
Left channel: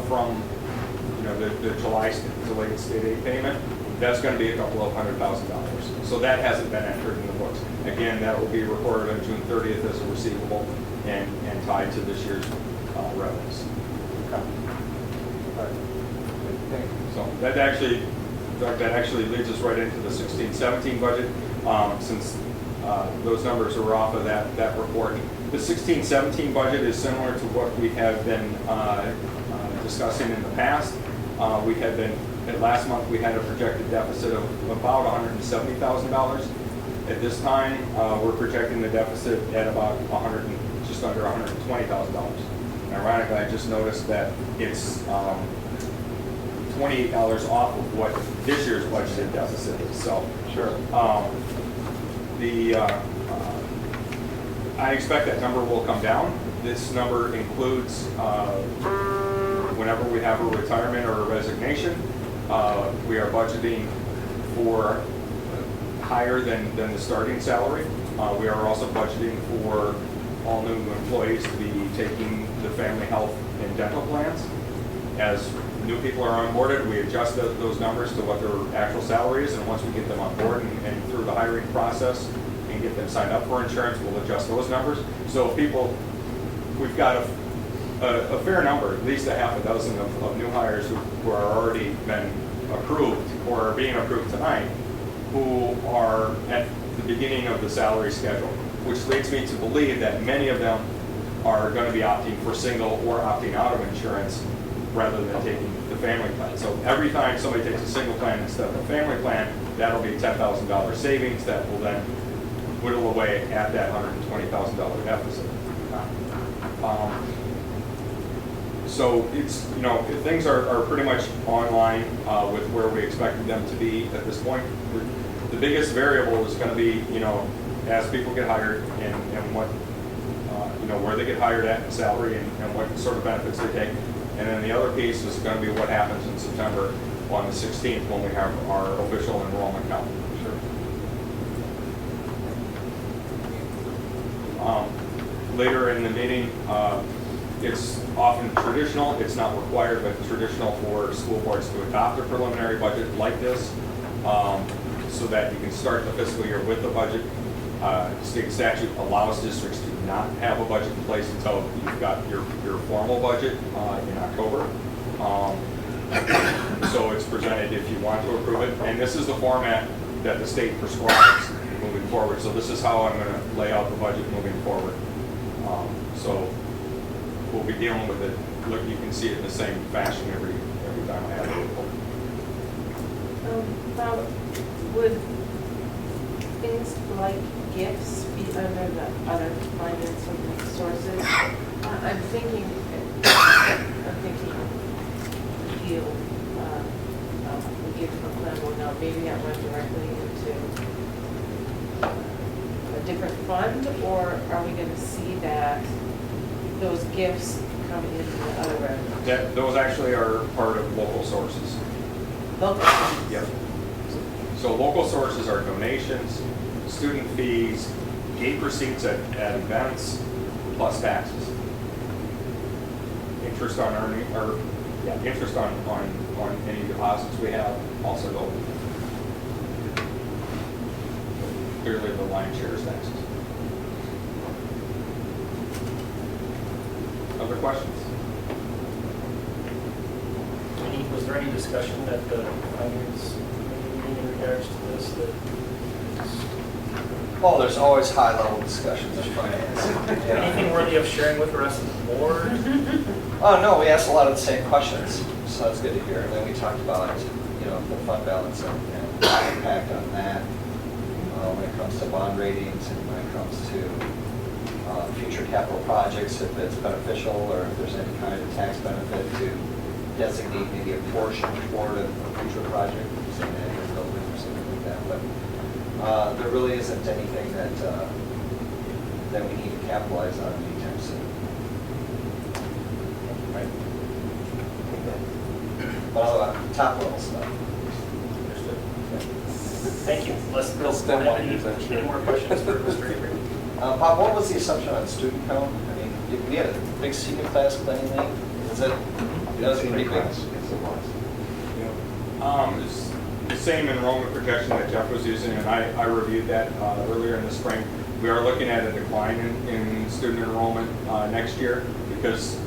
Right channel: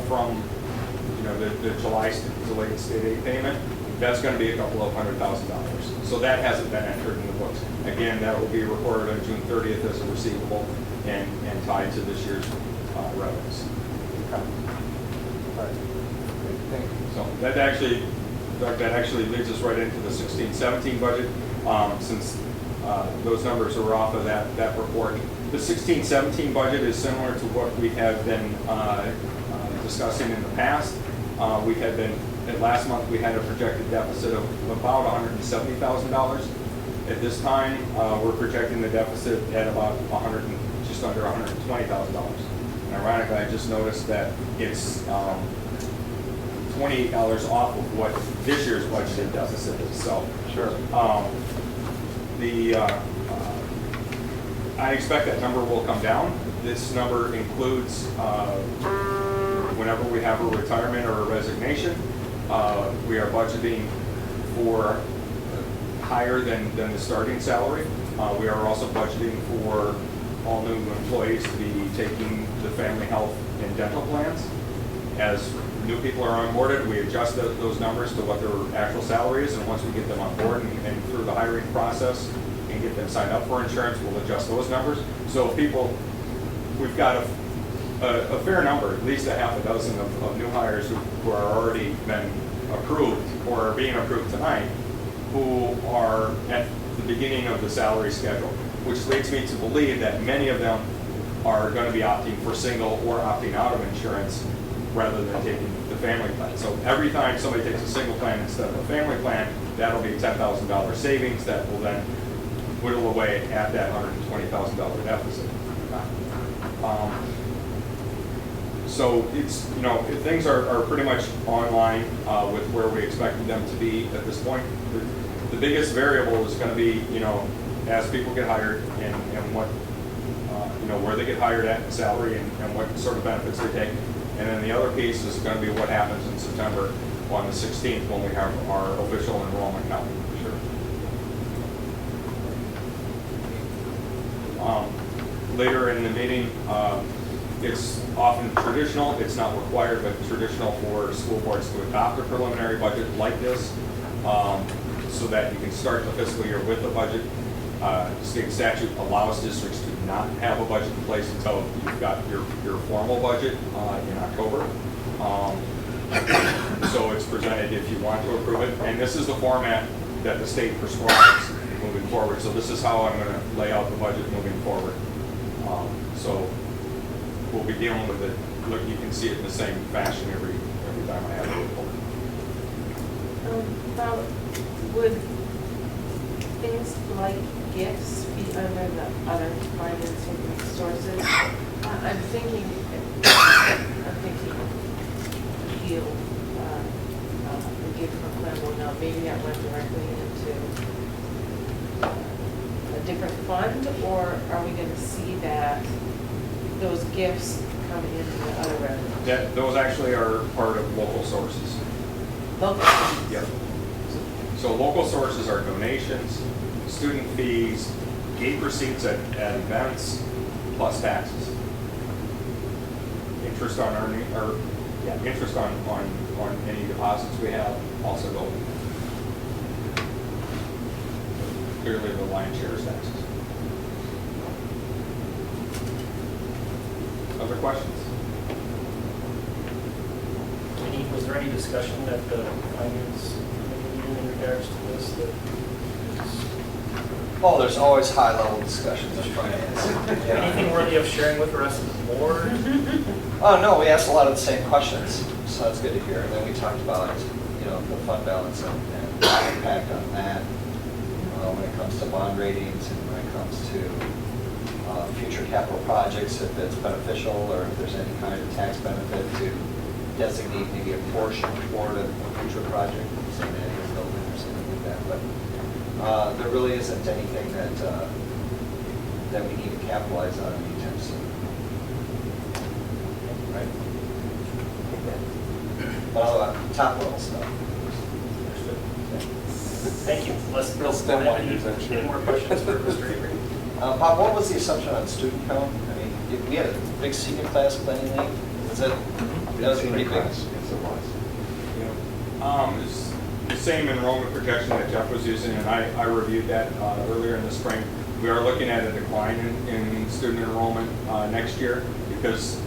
from the July delayed state aid payment. That's going to be a couple of $100,000. So that hasn't been entered in the books. Again, that will be recorded on June 30th as a receivable and tied to this year's revenues. Okay. All right. Thank you. So that actually leads us right into the 16-17 budget, since those numbers are off of that report. The 16-17 budget is similar to what we have been discussing in the past. Last month we had a projected deficit of about $170,000. At this time, we're projecting the deficit at about just under $120,000. And ironically, I just noticed that it's $28 off of what this year's budgeted deficit is. So, sure. I expect that number will come down. This number includes whenever we have a retirement or a resignation. We are budgeting for higher than the starting salary. We are also budgeting for all new employees to be taking the family health and dental plans. As new people are onboarded, we adjust those numbers to what their actual salary is, and once we get them on board and through the hiring process and get them signed up for insurance, we'll adjust those numbers. So we've got a fair number, at least a half a dozen of new hires who are already been approved or are being approved tonight, who are at the beginning of the salary schedule, which leads me to believe that many of them are going to be opting for single or opting out of insurance rather than taking the family plan. So every time somebody takes a single plan instead of a family plan, that'll be a $10,000 savings that will then whittle away at that $120,000 deficit. So it's, things are pretty much online with where we expected them to be at this point. The biggest variable is going to be, as people get hired and what, where they get hired at in salary and what sort of benefits they take. And then the other piece is going to be what happens in September on the 16th when we have our official enrollment count. Sure. Later in the meeting, it's often traditional, it's not required, but traditional for school boards to adopt a preliminary budget like this, so that you can start the fiscal year with a budget. State statute allows districts to not have a budget in place until you've got your formal budget in October. So it's presented if you want to approve it, and this is the format that the state prescribes moving forward. So this is how I'm going to lay out the budget moving forward. So we'll be dealing with it. Look, you can see it in the same fashion every time I have a report. Now, would things like gifts be under the other financing sources? I'm thinking a field, a gift from Glenwood, now maybe not run directly into a different fund, or are we going to see that those gifts come into the other revenue? Those actually are part of local sources. Local. Yep. So local sources are donations, student fees, gate receipts at events, plus taxes. Interest on interest on any deposits we have also go. Clearly the lion's share is taxes. Other questions? Was there any discussion at the finance committee meeting in regards to this? Oh, there's always high-level discussions of finance. Anything worthy of sharing with the rest of the board? Oh, no, we asked a lot of the same questions, so that's good to hear. And then we talked about, the fund balance and the impact on that when it comes to bond ratings and when it comes to future capital projects, if it's beneficial or if there's any kind of tax benefit to designate maybe a portion toward a future project, something like a building or something like that. But there really isn't anything that we need to capitalize on anytime soon. Right? But all that top level stuff. Thank you. Any more questions for Mr. Avery? Bob, what was the assumption on student count? I mean, we had a big senior class planning league. That was pretty big. It's the same enrollment projection that Jeff was using, and I reviewed that earlier in the spring. We are looking at a decline in student enrollment next year because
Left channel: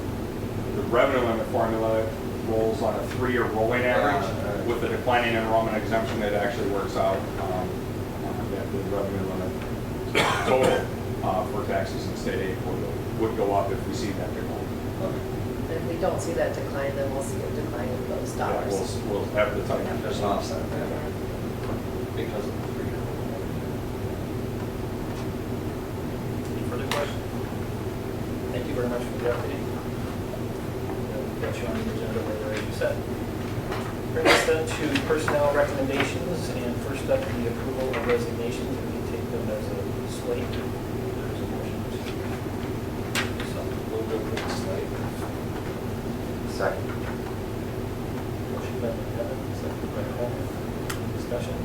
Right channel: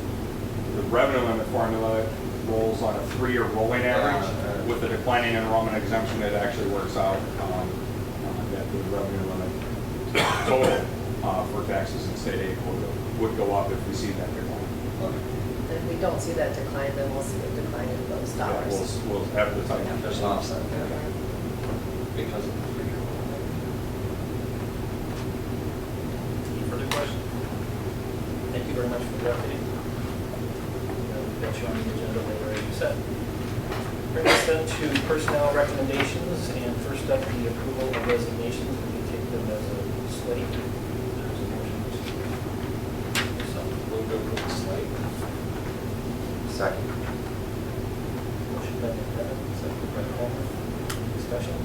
the revenue limit formula rolls on a 3-year rolling average. With the declining enrollment exemption, it actually works out that the revenue limit total for taxes and state aid would go up if we see that decline. And if we don't see that decline, then we'll see the decline in those dollars. Yeah, we'll have the time. There's an offset there because of the 3-year. Any further questions? Thank you very much for the update. We've got you on the agenda there, as you said. Bring us then to personnel recommendations, and first up, the approval of resignations. We can take them as a slate. There's a motion. Move to approve the slate. Second. Motion by McKenna, second by Homer. Discussion.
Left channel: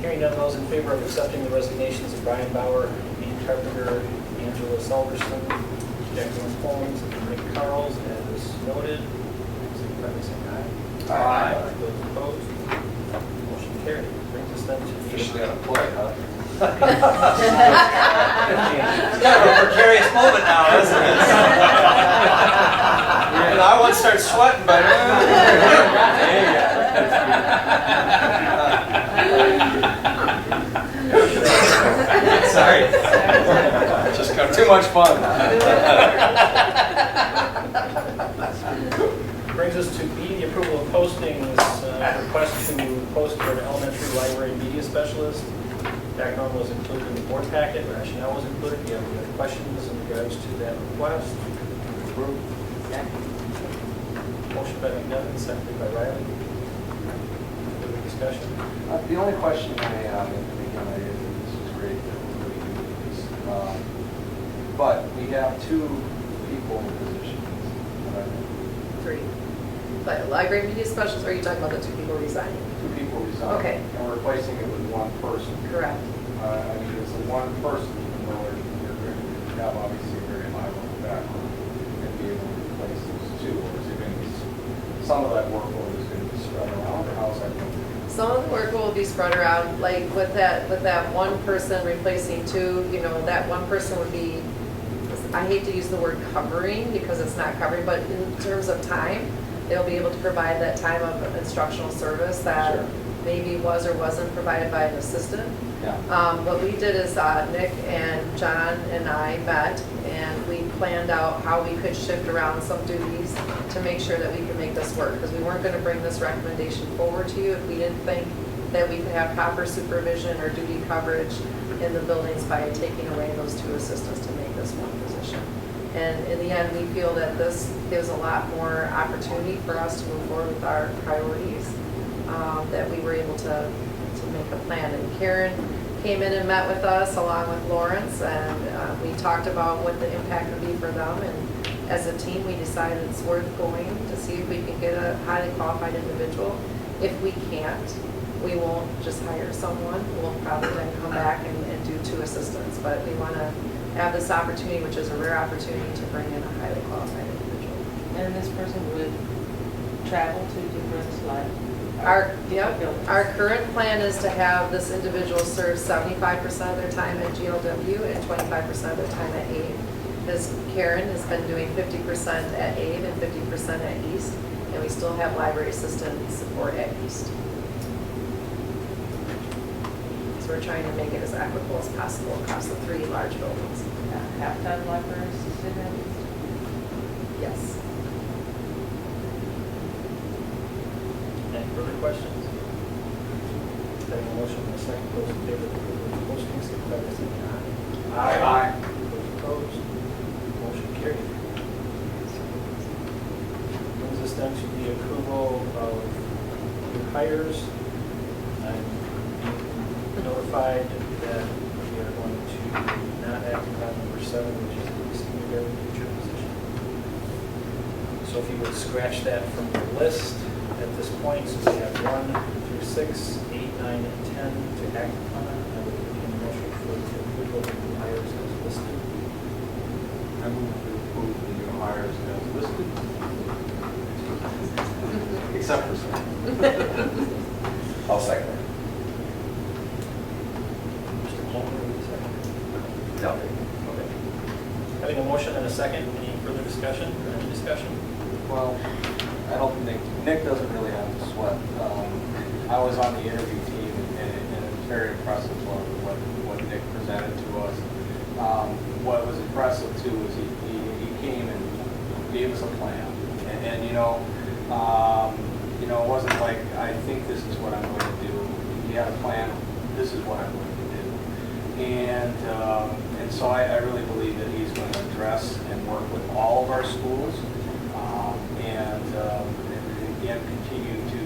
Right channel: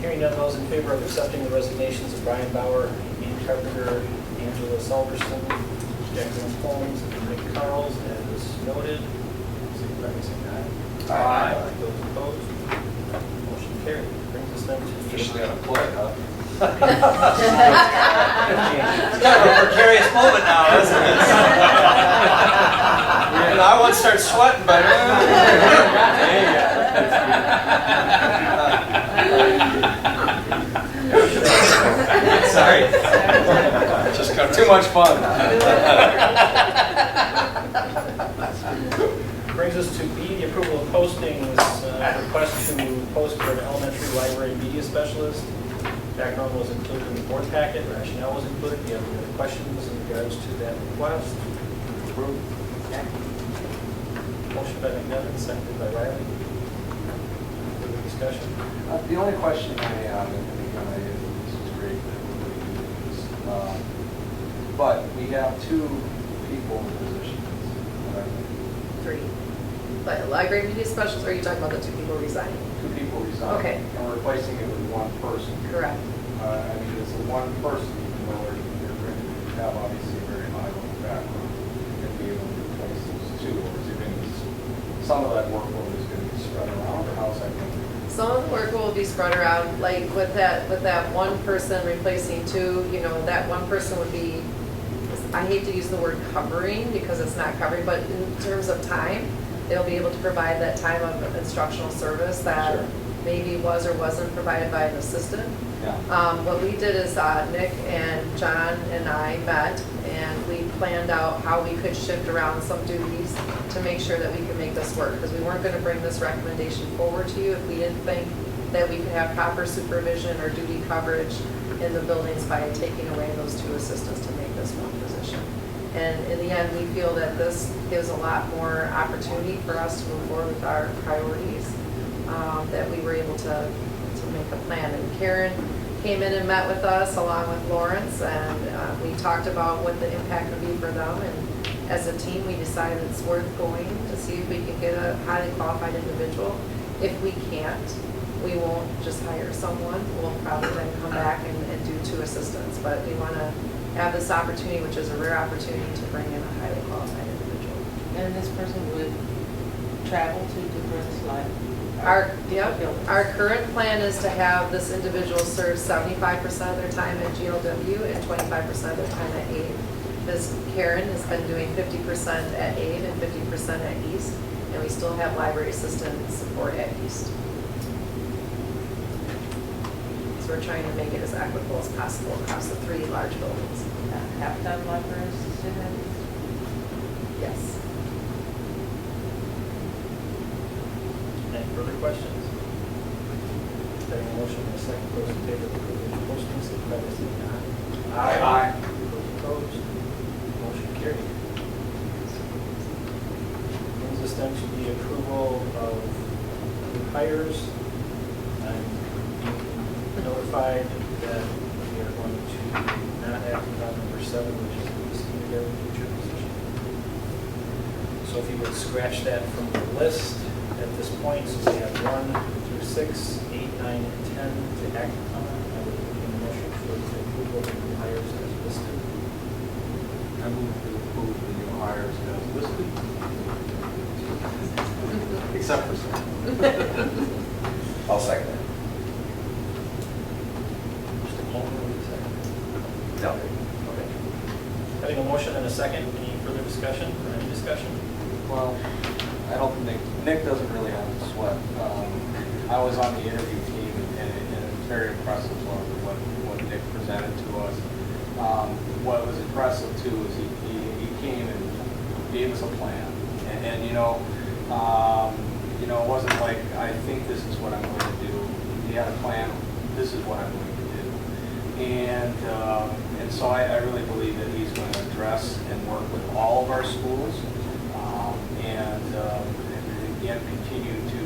Hearing none, those in favor of accepting the resignations of Brian Bauer, Ann Carpenter, Angela Salverson, Jacqueline Holmes, and Nick Carls, as noted, signify by saying aye. Aye. Those opposed? Motion carried. Brings us then to the... Officially unemployed, huh? It's kind of a precarious moment now, isn't it? I want to start sweating, but sorry, just too much fun. Brings us to B, the approval of postings. Request to post for an elementary library media specialist. Background was included in the board packet, rationale was included. Do you have any other questions in regards to that request? Approved. Motion by McNevin, seconded by Riley. Further discussion? The only question I have, and again, this is great that everybody knew this, but we have 2 people in positions. 3. But library media specialist, or are you talking about the 2 people resigning? 2 people resigning. Okay. And we're replacing it with 1 person. Correct. I mean, it's the one person, even though they're going to have obviously a very high level background, and be able to replace those two, or is it going to be, some of that workload is going to be spread around, or how's that going? Some of the work will be spread around, like with that one person replacing two, you know, that one person would be, I hate to use the word covering because it's not covering, but in terms of time, they'll be able to provide that time of instructional service that Sure. maybe was or wasn't provided by an assistant. Yeah. What we did is Nick and John and I met and we planned out how we could shift around some duties to make sure that we could make this work. Because we weren't going to bring this recommendation forward to you if we didn't think that we could have proper supervision or duty coverage in the buildings by taking away those two assistants to make this one position. And in the end, we feel that this gives a lot more opportunity for us to move forward with our priorities, that we were able to make a plan. And Karen came in and met with us along with Lawrence, and we talked about what the impact would be for them. And as a team, we decided it's worth going to see if we can get a highly qualified individual. If we can't, we won't just hire someone. We'll probably then come back and do two assistants. But we want to have this opportunity, which is a rare opportunity, to bring in a highly qualified individual. And this person would travel to different Our current plan is to have this individual serve 75% of their time at GLW and 25% of their time at AID. Ms. Karen has been doing 50% at AID and 50% at East, and we still have library assistant support at East. So we're trying to make it as equitable as possible across the three large buildings. Have to have library assistant at East? Yes. Any further questions? Having a motion and a second, those in favor of approving the posting, signify by saying aye. Aye. Those opposed, motion carried. Brings us then to the approval of new hires. I'm being notified that we are going to not act upon number 7, which is the kindergarten teacher position. So if you would scratch that from your list at this point, so we have 1 through 6, 8, 9, and 10 to act upon. I would need a motion for the approval of the new hires as listed. I move to approve the new hires as listed. Except for some. I'll second it. Mr. Holman, will you second? No. Okay. Having a motion and a second, any further discussion or any discussion? Well, I don't think, Nick doesn't really have to sweat. I was on the interview team, and it's very impressive what Nick presented to us. What was impressive too was he came and gave us a plan, and it wasn't like, I think this is what I'm going to do. He had a plan. This is what I'm going to do, and so I really believe that he's going to address and work with all of our schools. And again, continue to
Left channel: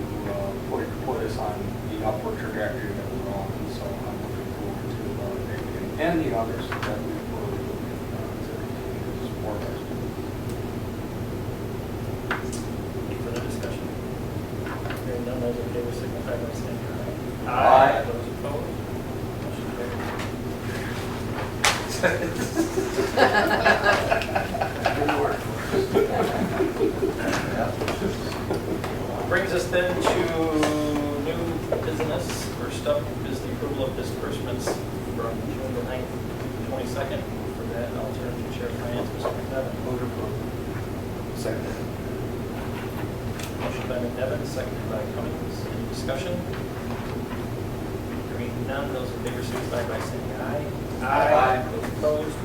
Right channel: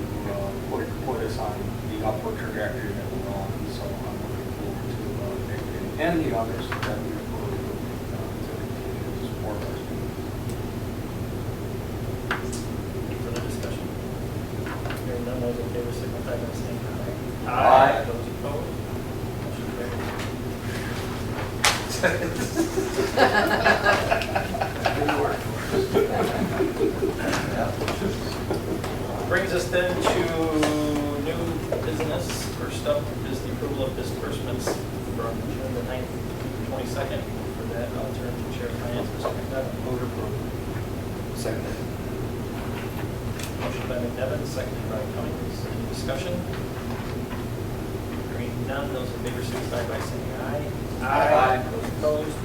put us on the upward trajectory that we're on. So I'm looking forward to Nick and the others that we will to continue to support our students. Any further discussion? Hearing none, those in favor signify by saying aye. Aye. Those opposed, motion carried. Good work. Brings us then to new business. First up is the approval of disbursements from June the 9th through the 22nd. For that, I'll turn to Chair of Finance, Mr. McNevin. Move to approve. Second it. Motion by McNevin, seconded by Cummings. Any discussion? Hearing none, those in favor signify by saying aye. Aye. Those opposed,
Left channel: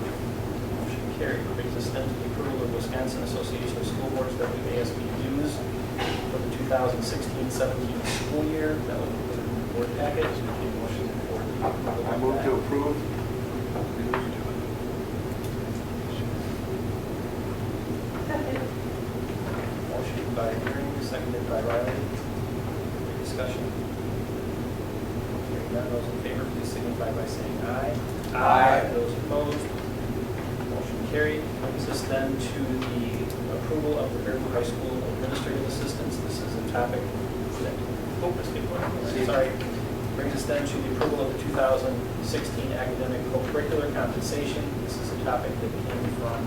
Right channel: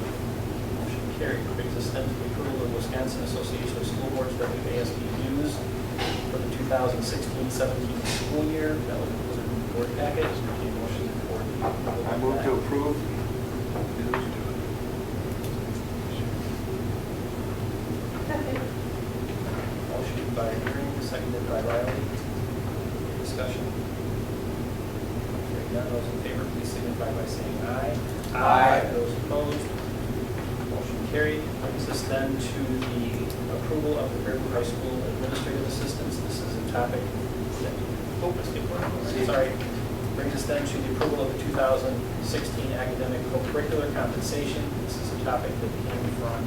motion carried. Brings us then to the approval of Wisconsin Association of School Boards WASB dues for the 2016-17 school year. That was in the board packet. So we take a motion for the approval of I move to that. approve. Motion by Green, seconded by Riley. Any discussion? Hearing none, those in favor, please signify by saying aye. Aye. Those opposed, motion carried. Brings us then to the approval of the Fairview High School administrative assistants. This is a topic that, let's get going. Sorry. Brings us then to the approval of the 2016 academic co-curricular compensation. This is a topic that came from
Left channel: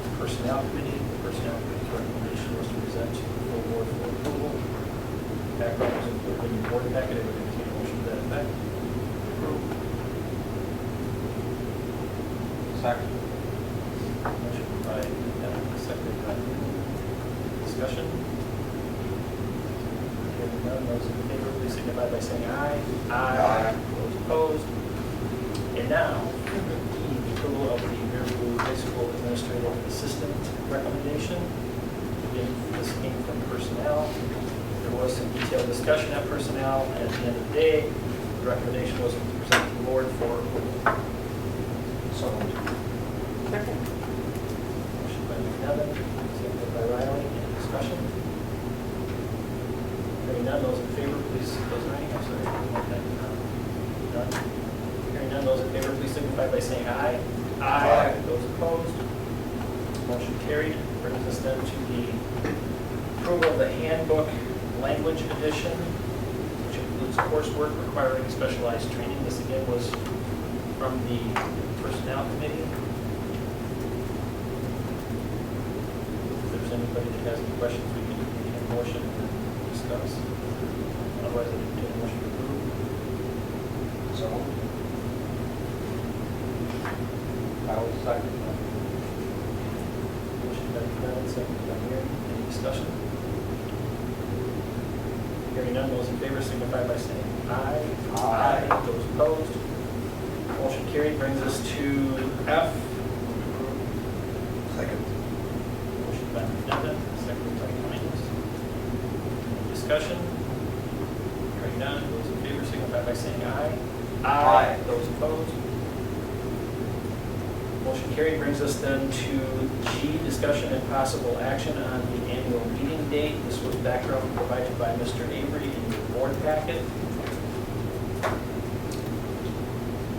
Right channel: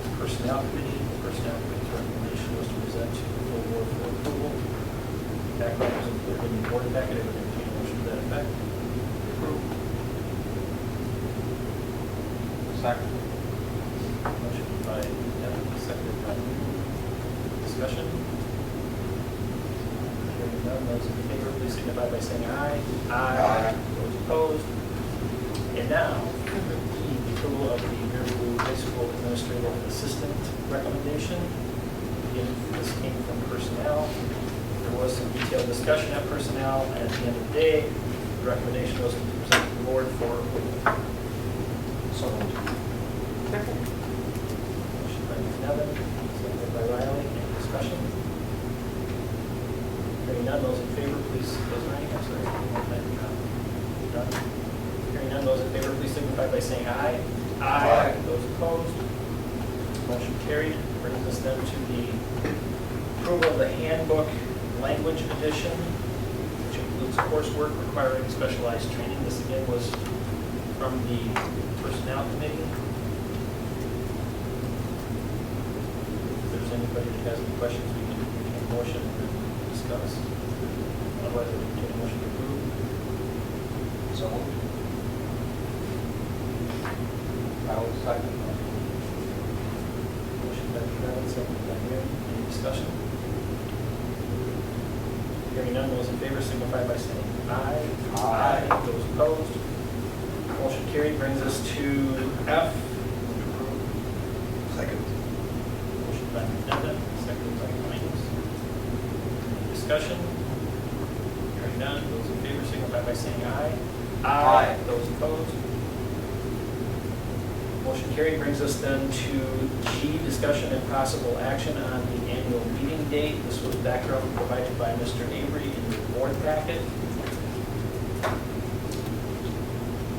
the Personnel Committee. The Personnel Committee's recommendation was to present to the full board for approval. Background was included in your board packet. I would entertain a motion to that effect. Approve. Second. Motion by Emily, seconded by Lou. Discussion? Hearing none, those in favor, please signify by saying aye. Aye. Those opposed? And now, E, the approval of the Middleborough High School Administrative Assistant recommendation. Again, this came from personnel. There was some detailed discussion at personnel, and at the end of the day, the recommendation was to present to the board for approval. So moved. Motion by Nevin, seconded by Riley. Any discussion? Hearing none, those in favor, please, those are I'm sorry. None. Hearing none, those in favor, please signify by saying aye. Aye. Those opposed? Motion carried. Brings us then to the approval of the handbook language edition, which includes coursework requiring specialized training. This again was from the Personnel Committee. If there's anybody that has any questions, we can make a motion and discuss. Otherwise, I would take a motion to approve. So moved. I will second. Motion by Kevin, seconded by Mary. Any discussion? Hearing none, those in favor signify by saying aye. Aye. Those opposed? Motion carried. Brings us to F. Second. Motion by Devin, seconded by Cummings. Any discussion? Hearing none, those in favor signify by saying aye. Aye. Those opposed? Motion carried. Brings us then to G, discussion and possible action on the annual meeting date. This was background provided by Mr. Avery in your board packet.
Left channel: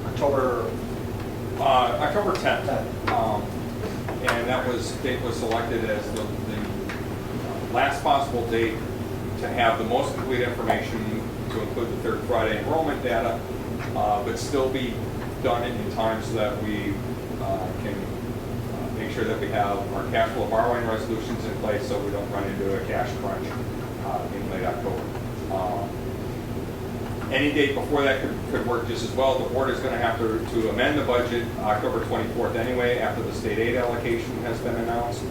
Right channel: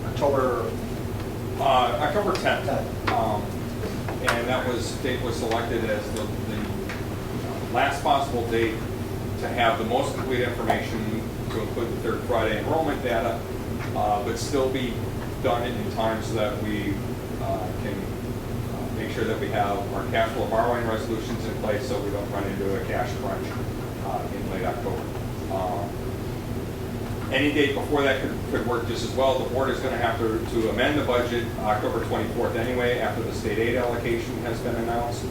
October 10th. And that date was selected as the last possible date to have the most complete information to include the third Friday enrollment data, but still be done in time so that we can make sure that we have our cash flow borrowing resolutions in place so we don't run into a cash crunch in late October. Any date before that could work just as well. The board is going to have to amend the budget October 24th anyway, after the state aid allocation has been announced.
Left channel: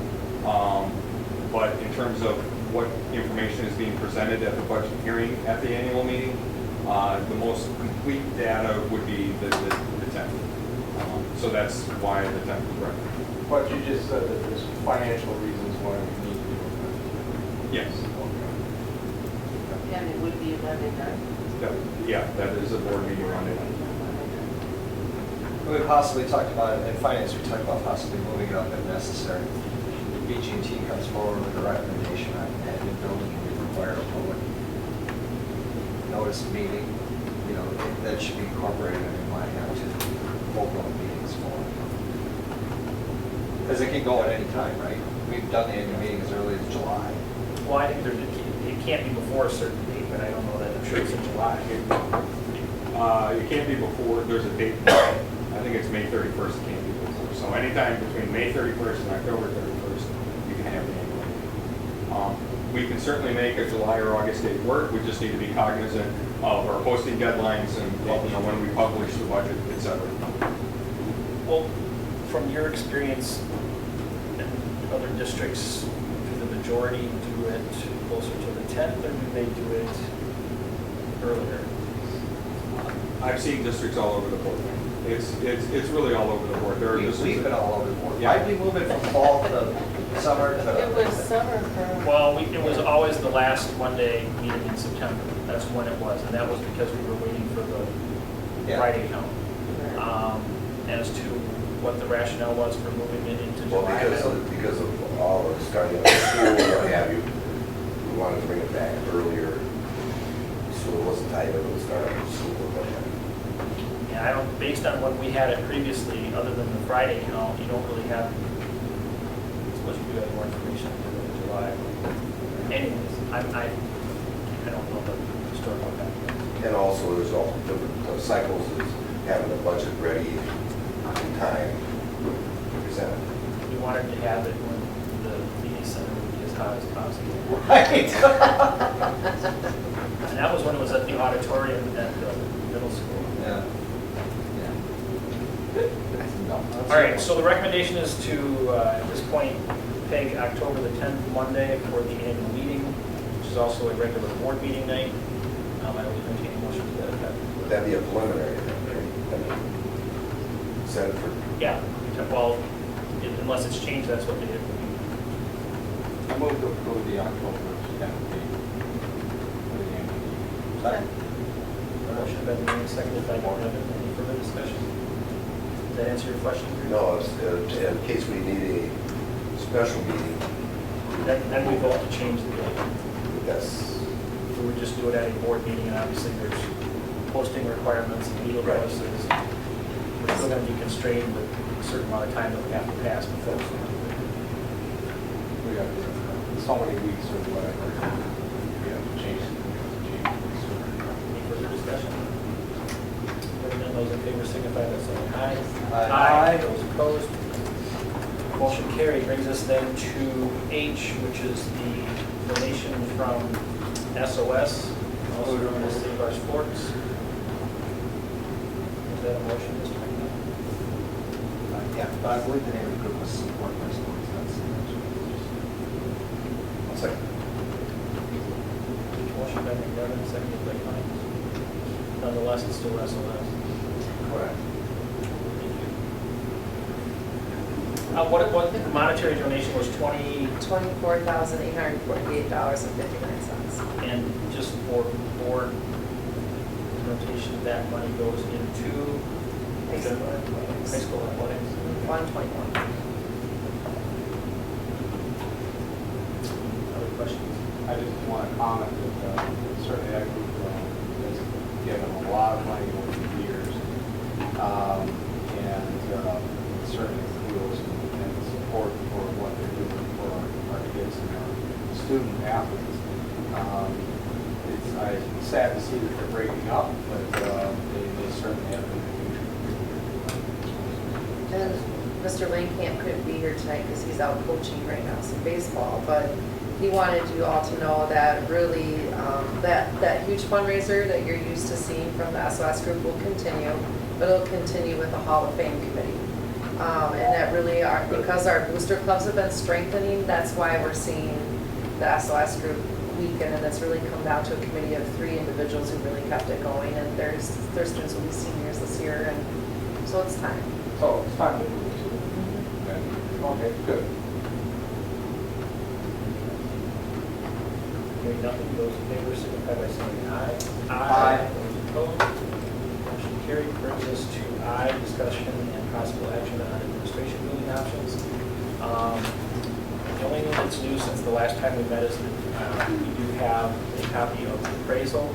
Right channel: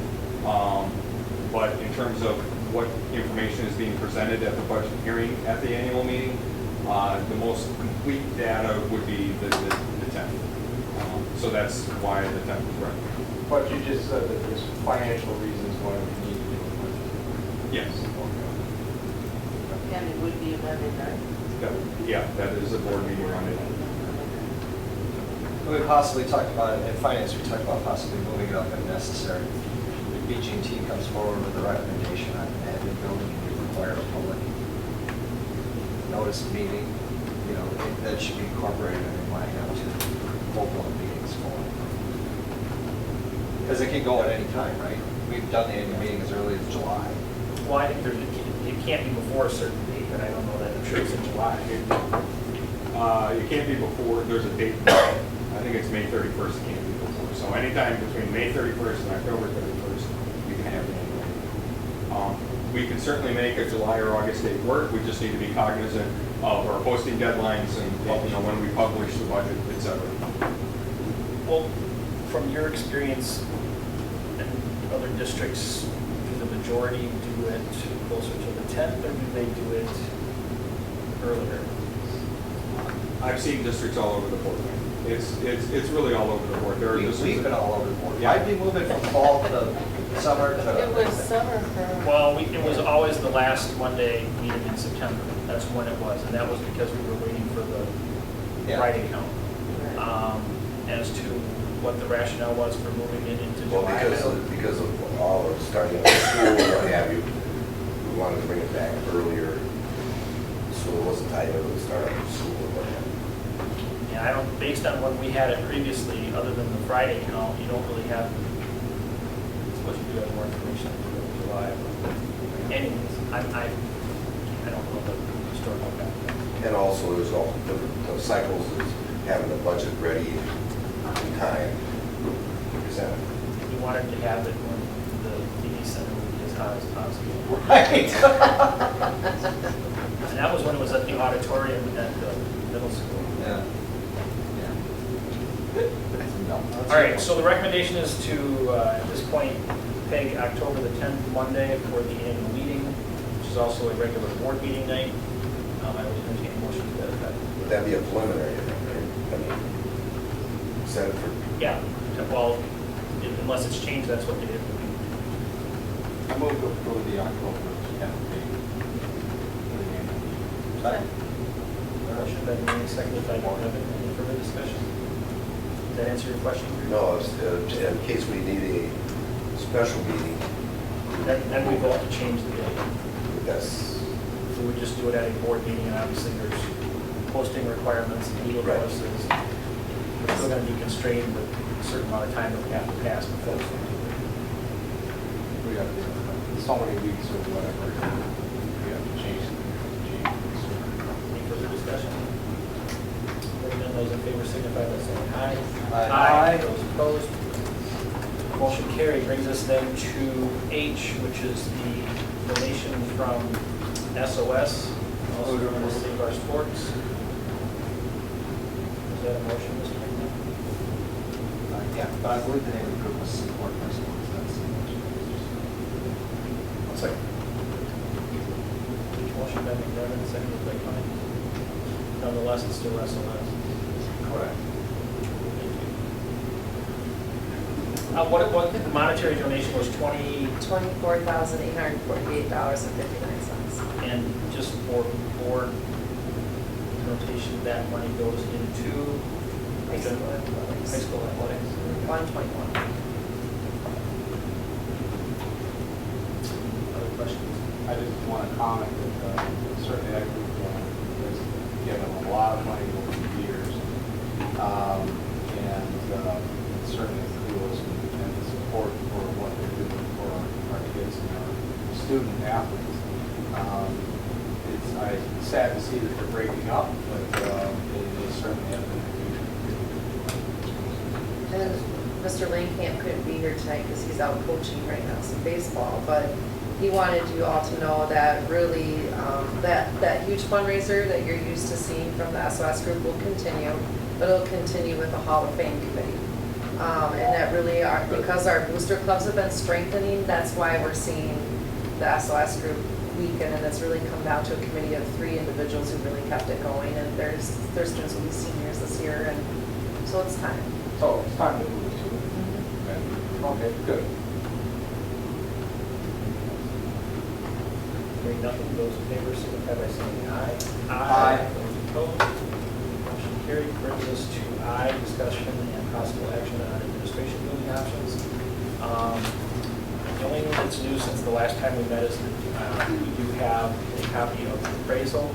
But in terms of what information is being presented at the budget hearing at the annual meeting, the most complete data would be the 10th. So that's why the 10th was recommended. But you just said that there's financial reasons why we need to do it. Yes. And it would be amended, right? Yeah, that is a board meeting on it. We possibly talked about it in finance, we talked about possibly moving it up if necessary. If BG&T comes forward with a recommendation on adding building and you require a public notice meeting, that should be incorporated and we might have to hold one meetings for it. Because it can go at any time, right? We've done the annual meeting as early as July. Well, I think it can't be before a certain date, but I don't know that. I'm sure it's in July. It can't be before, there's a date. I think it's May 31st, it can't be before. So anytime between May 31st and October 31st, you can have the annual meeting. We can certainly make a July or August date work. We just need to be cognizant of our posting deadlines and when we publish the budget, et cetera. Well, from your experience in other districts, do the majority do it closer to the 10th, or do they do it earlier? I've seen districts all over the board. It's really all over the board. There are We've been all over the board. Yeah. Why'd we move it from fall to summer to? It was summer for. Well, it was always the last Monday meeting in September. That's when it was, and that was because we were waiting for the Yeah. Friday count. As to what the rationale was for moving it into Well, July. because of all of starting up school, what have you, we wanted to bring it back earlier, so it wasn't tied into the start of school. Yeah, I don't, based on when we had it previously, other than the Friday count, you don't really have, I suppose you do have more information for July. Anyways, I don't know the historical fact. And also, there's all different cycles, is having the budget ready in time to present it. We wanted to have it when the DD center would be as hot as possible. Right. And that was when it was at the auditorium at the middle school. Yeah. All right, so the recommendation is to, at this point, peg October the 10th, Monday, for the annual meeting, which is also a regular board meeting night. I would entertain a motion to that effect. Would that be a preliminary, right? I mean, set it for, Yeah, well, unless it's changed, that's what they did. I move to approve the October 10th date. Second. Motion by Manning, seconded by Nevin. Any further discussion? Does that answer your question? no, in case we need a special meeting, Then we vote to change the date. that's, So we would just do it at a board meeting, and obviously there's posting requirements and legal Right. notices. We're still going to be constrained with a certain amount of time that we have to pass before we do it. We have so many weeks or whatever. We have to change it. Any further discussion? Hearing none, those in favor signify by saying aye. Aye. Those opposed? Motion carried. Brings us then to H, which is the donation from SOS, also known as Save Our Sports. Is that a motion, Mr. McNeil? Yeah, but I believe the name of the group was Support Response. one second. Motion by McDevitt, seconded by Cummings. Nonetheless, it's still SOS. Correct. Thank you. What the monetary donation was $24,848.59. and just for board notation, that money goes into High school athletics. high school athletics. 121. Other questions? I just want to comment that certainly that group has given a lot of money over the years. And certainly feels and support for what they're doing for our kids and our student athletes. It's sad to see that they're breaking up, but it certainly have been a huge. And Mr. Langkamp couldn't be here tonight because he's out coaching right now some baseball, but he wanted you all to know that really, that huge fundraiser that you're used to seeing from the SOS group will continue, but it'll continue with the Hall of Fame committee. And that really because our booster clubs have been strengthening, that's why we're seeing the SOS group weaken, and it's really come down to a committee of 3 individuals who really kept it going, and their students will be seniors this year, and so it's time. So it's time to move to. Okay, good. Hearing nothing, those in favor signify by saying aye. Aye. Those opposed? Motion carried. Brings us to I, discussion and possible action on administration building options. The only thing that's new since the last time we met is that we do have a copy of the appraisal.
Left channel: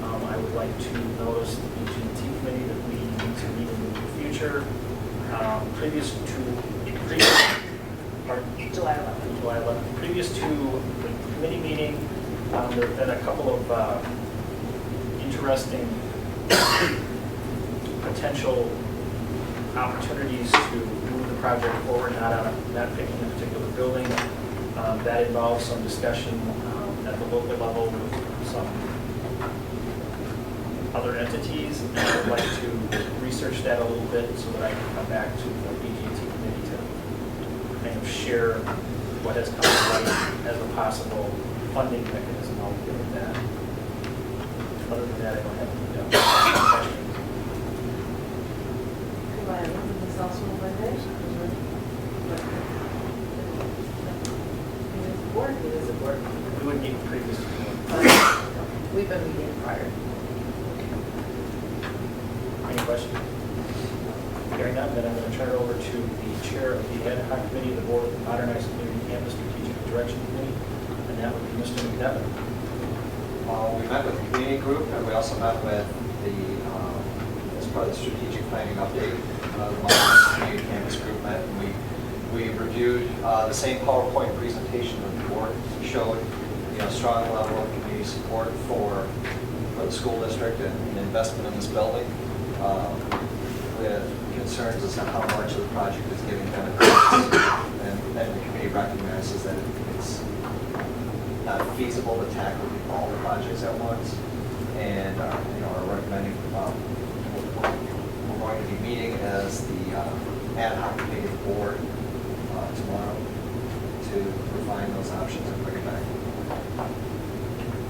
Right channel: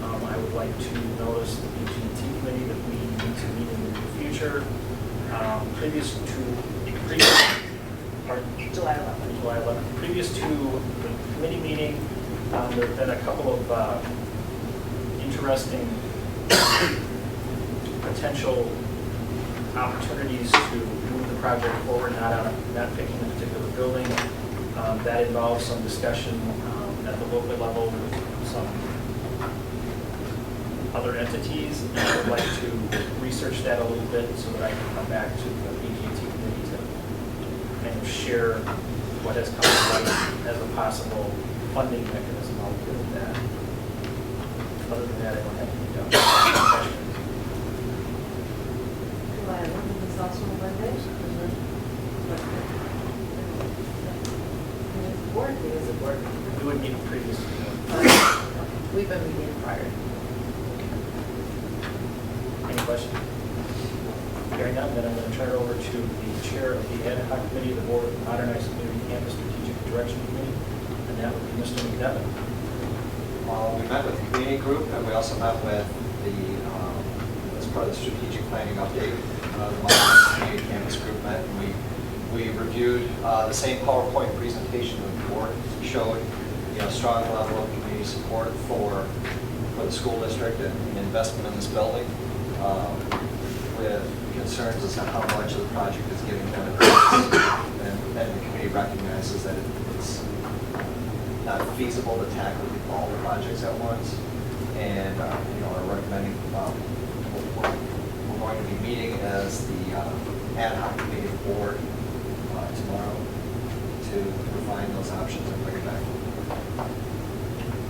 I would like to notice the BG&T committee that we need to meet in the near future. July 11th. July 11th. Previous to the committee meeting, there have been a couple of interesting potential opportunities to move the project forward, not picking a particular building. That involves some discussion at the local level with some other entities. And I would like to research that a little bit so that I can come back to the BG&T committee to kind of share what has come to light as a possible funding mechanism out there with that. Other than that, I don't have any questions. Ms. Osman, Monday? Board, it is a board. We would meet previously. We've been meeting prior. Any questions? Hearing none, then I'm going to turn it over to the chair of the ad hoc committee of the Board of Modernized Community Campus Strategic Direction Committee, and that would be Mr. McDevitt. We met with the community group, and we also met with the, as part of the strategic planning update, the Modernized Community Campus group met, and we reviewed the same PowerPoint presentation that the board showed, strong level of community support for for the school district and investment in this building, with concerns as to how much of the project is giving benefits. And the committee recognizes that it's not feasible to tackle all the projects at once. And, are recommending, we're going to be meeting as the ad hoc committee board tomorrow to refine those options and bring it back.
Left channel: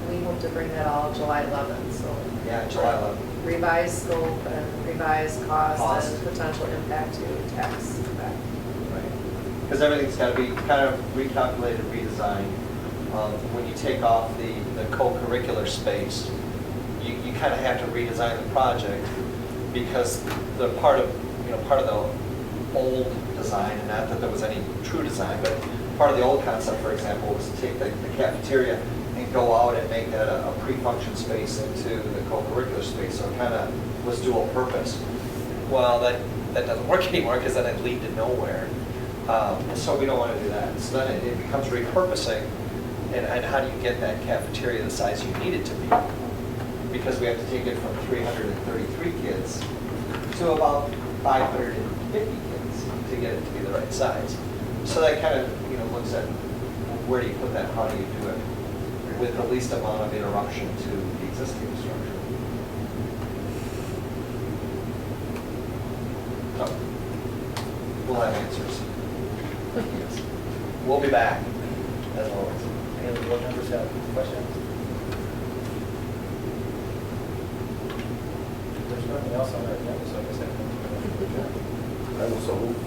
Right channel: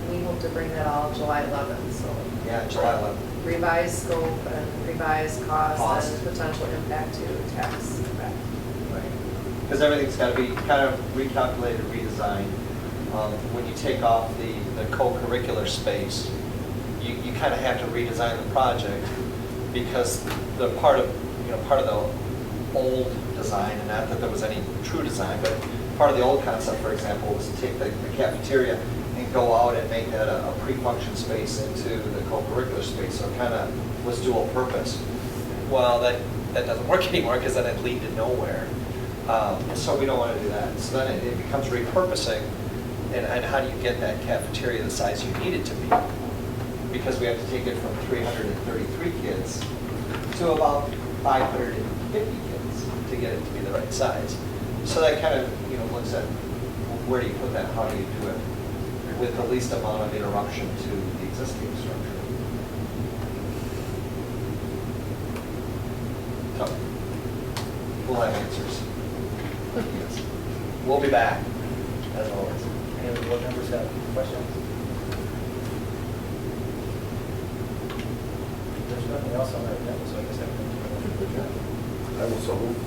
We hope to bring that all July 11th, so. Yeah, July 11th. Revised scope and revised cost Cost. and potential impact to tax impact. Because everything's got to be kind of recalculated, redesigned. When you take off the co-curricular space, you kind of have to redesign the project because the part of the old design, and not that there was any true design, but part of the old concept, for example, was to take the cafeteria and go out and make that a pre-function space into the co-curricular space, so it kind of was dual purpose. Well, that doesn't work anymore because then it lead to nowhere. So we don't want to do that. So then it becomes repurposing, and how do you get that cafeteria the size you need it to be? Because we have to take it from 333 kids to about 550 kids to get it to be the right size. So that kind of looks at where do you put that, how do you do it with the least amount of interruption to the existing structure. So we'll have answers. Yes. We'll be back, as always. Any other board members have questions? There's nothing else on our agenda, so I guess I can. I will so move.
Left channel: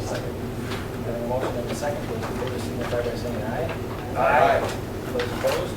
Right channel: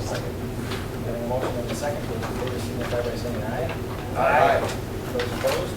Second. Getting a motion in a second, those in favor signify by saying aye. Aye. Those opposed?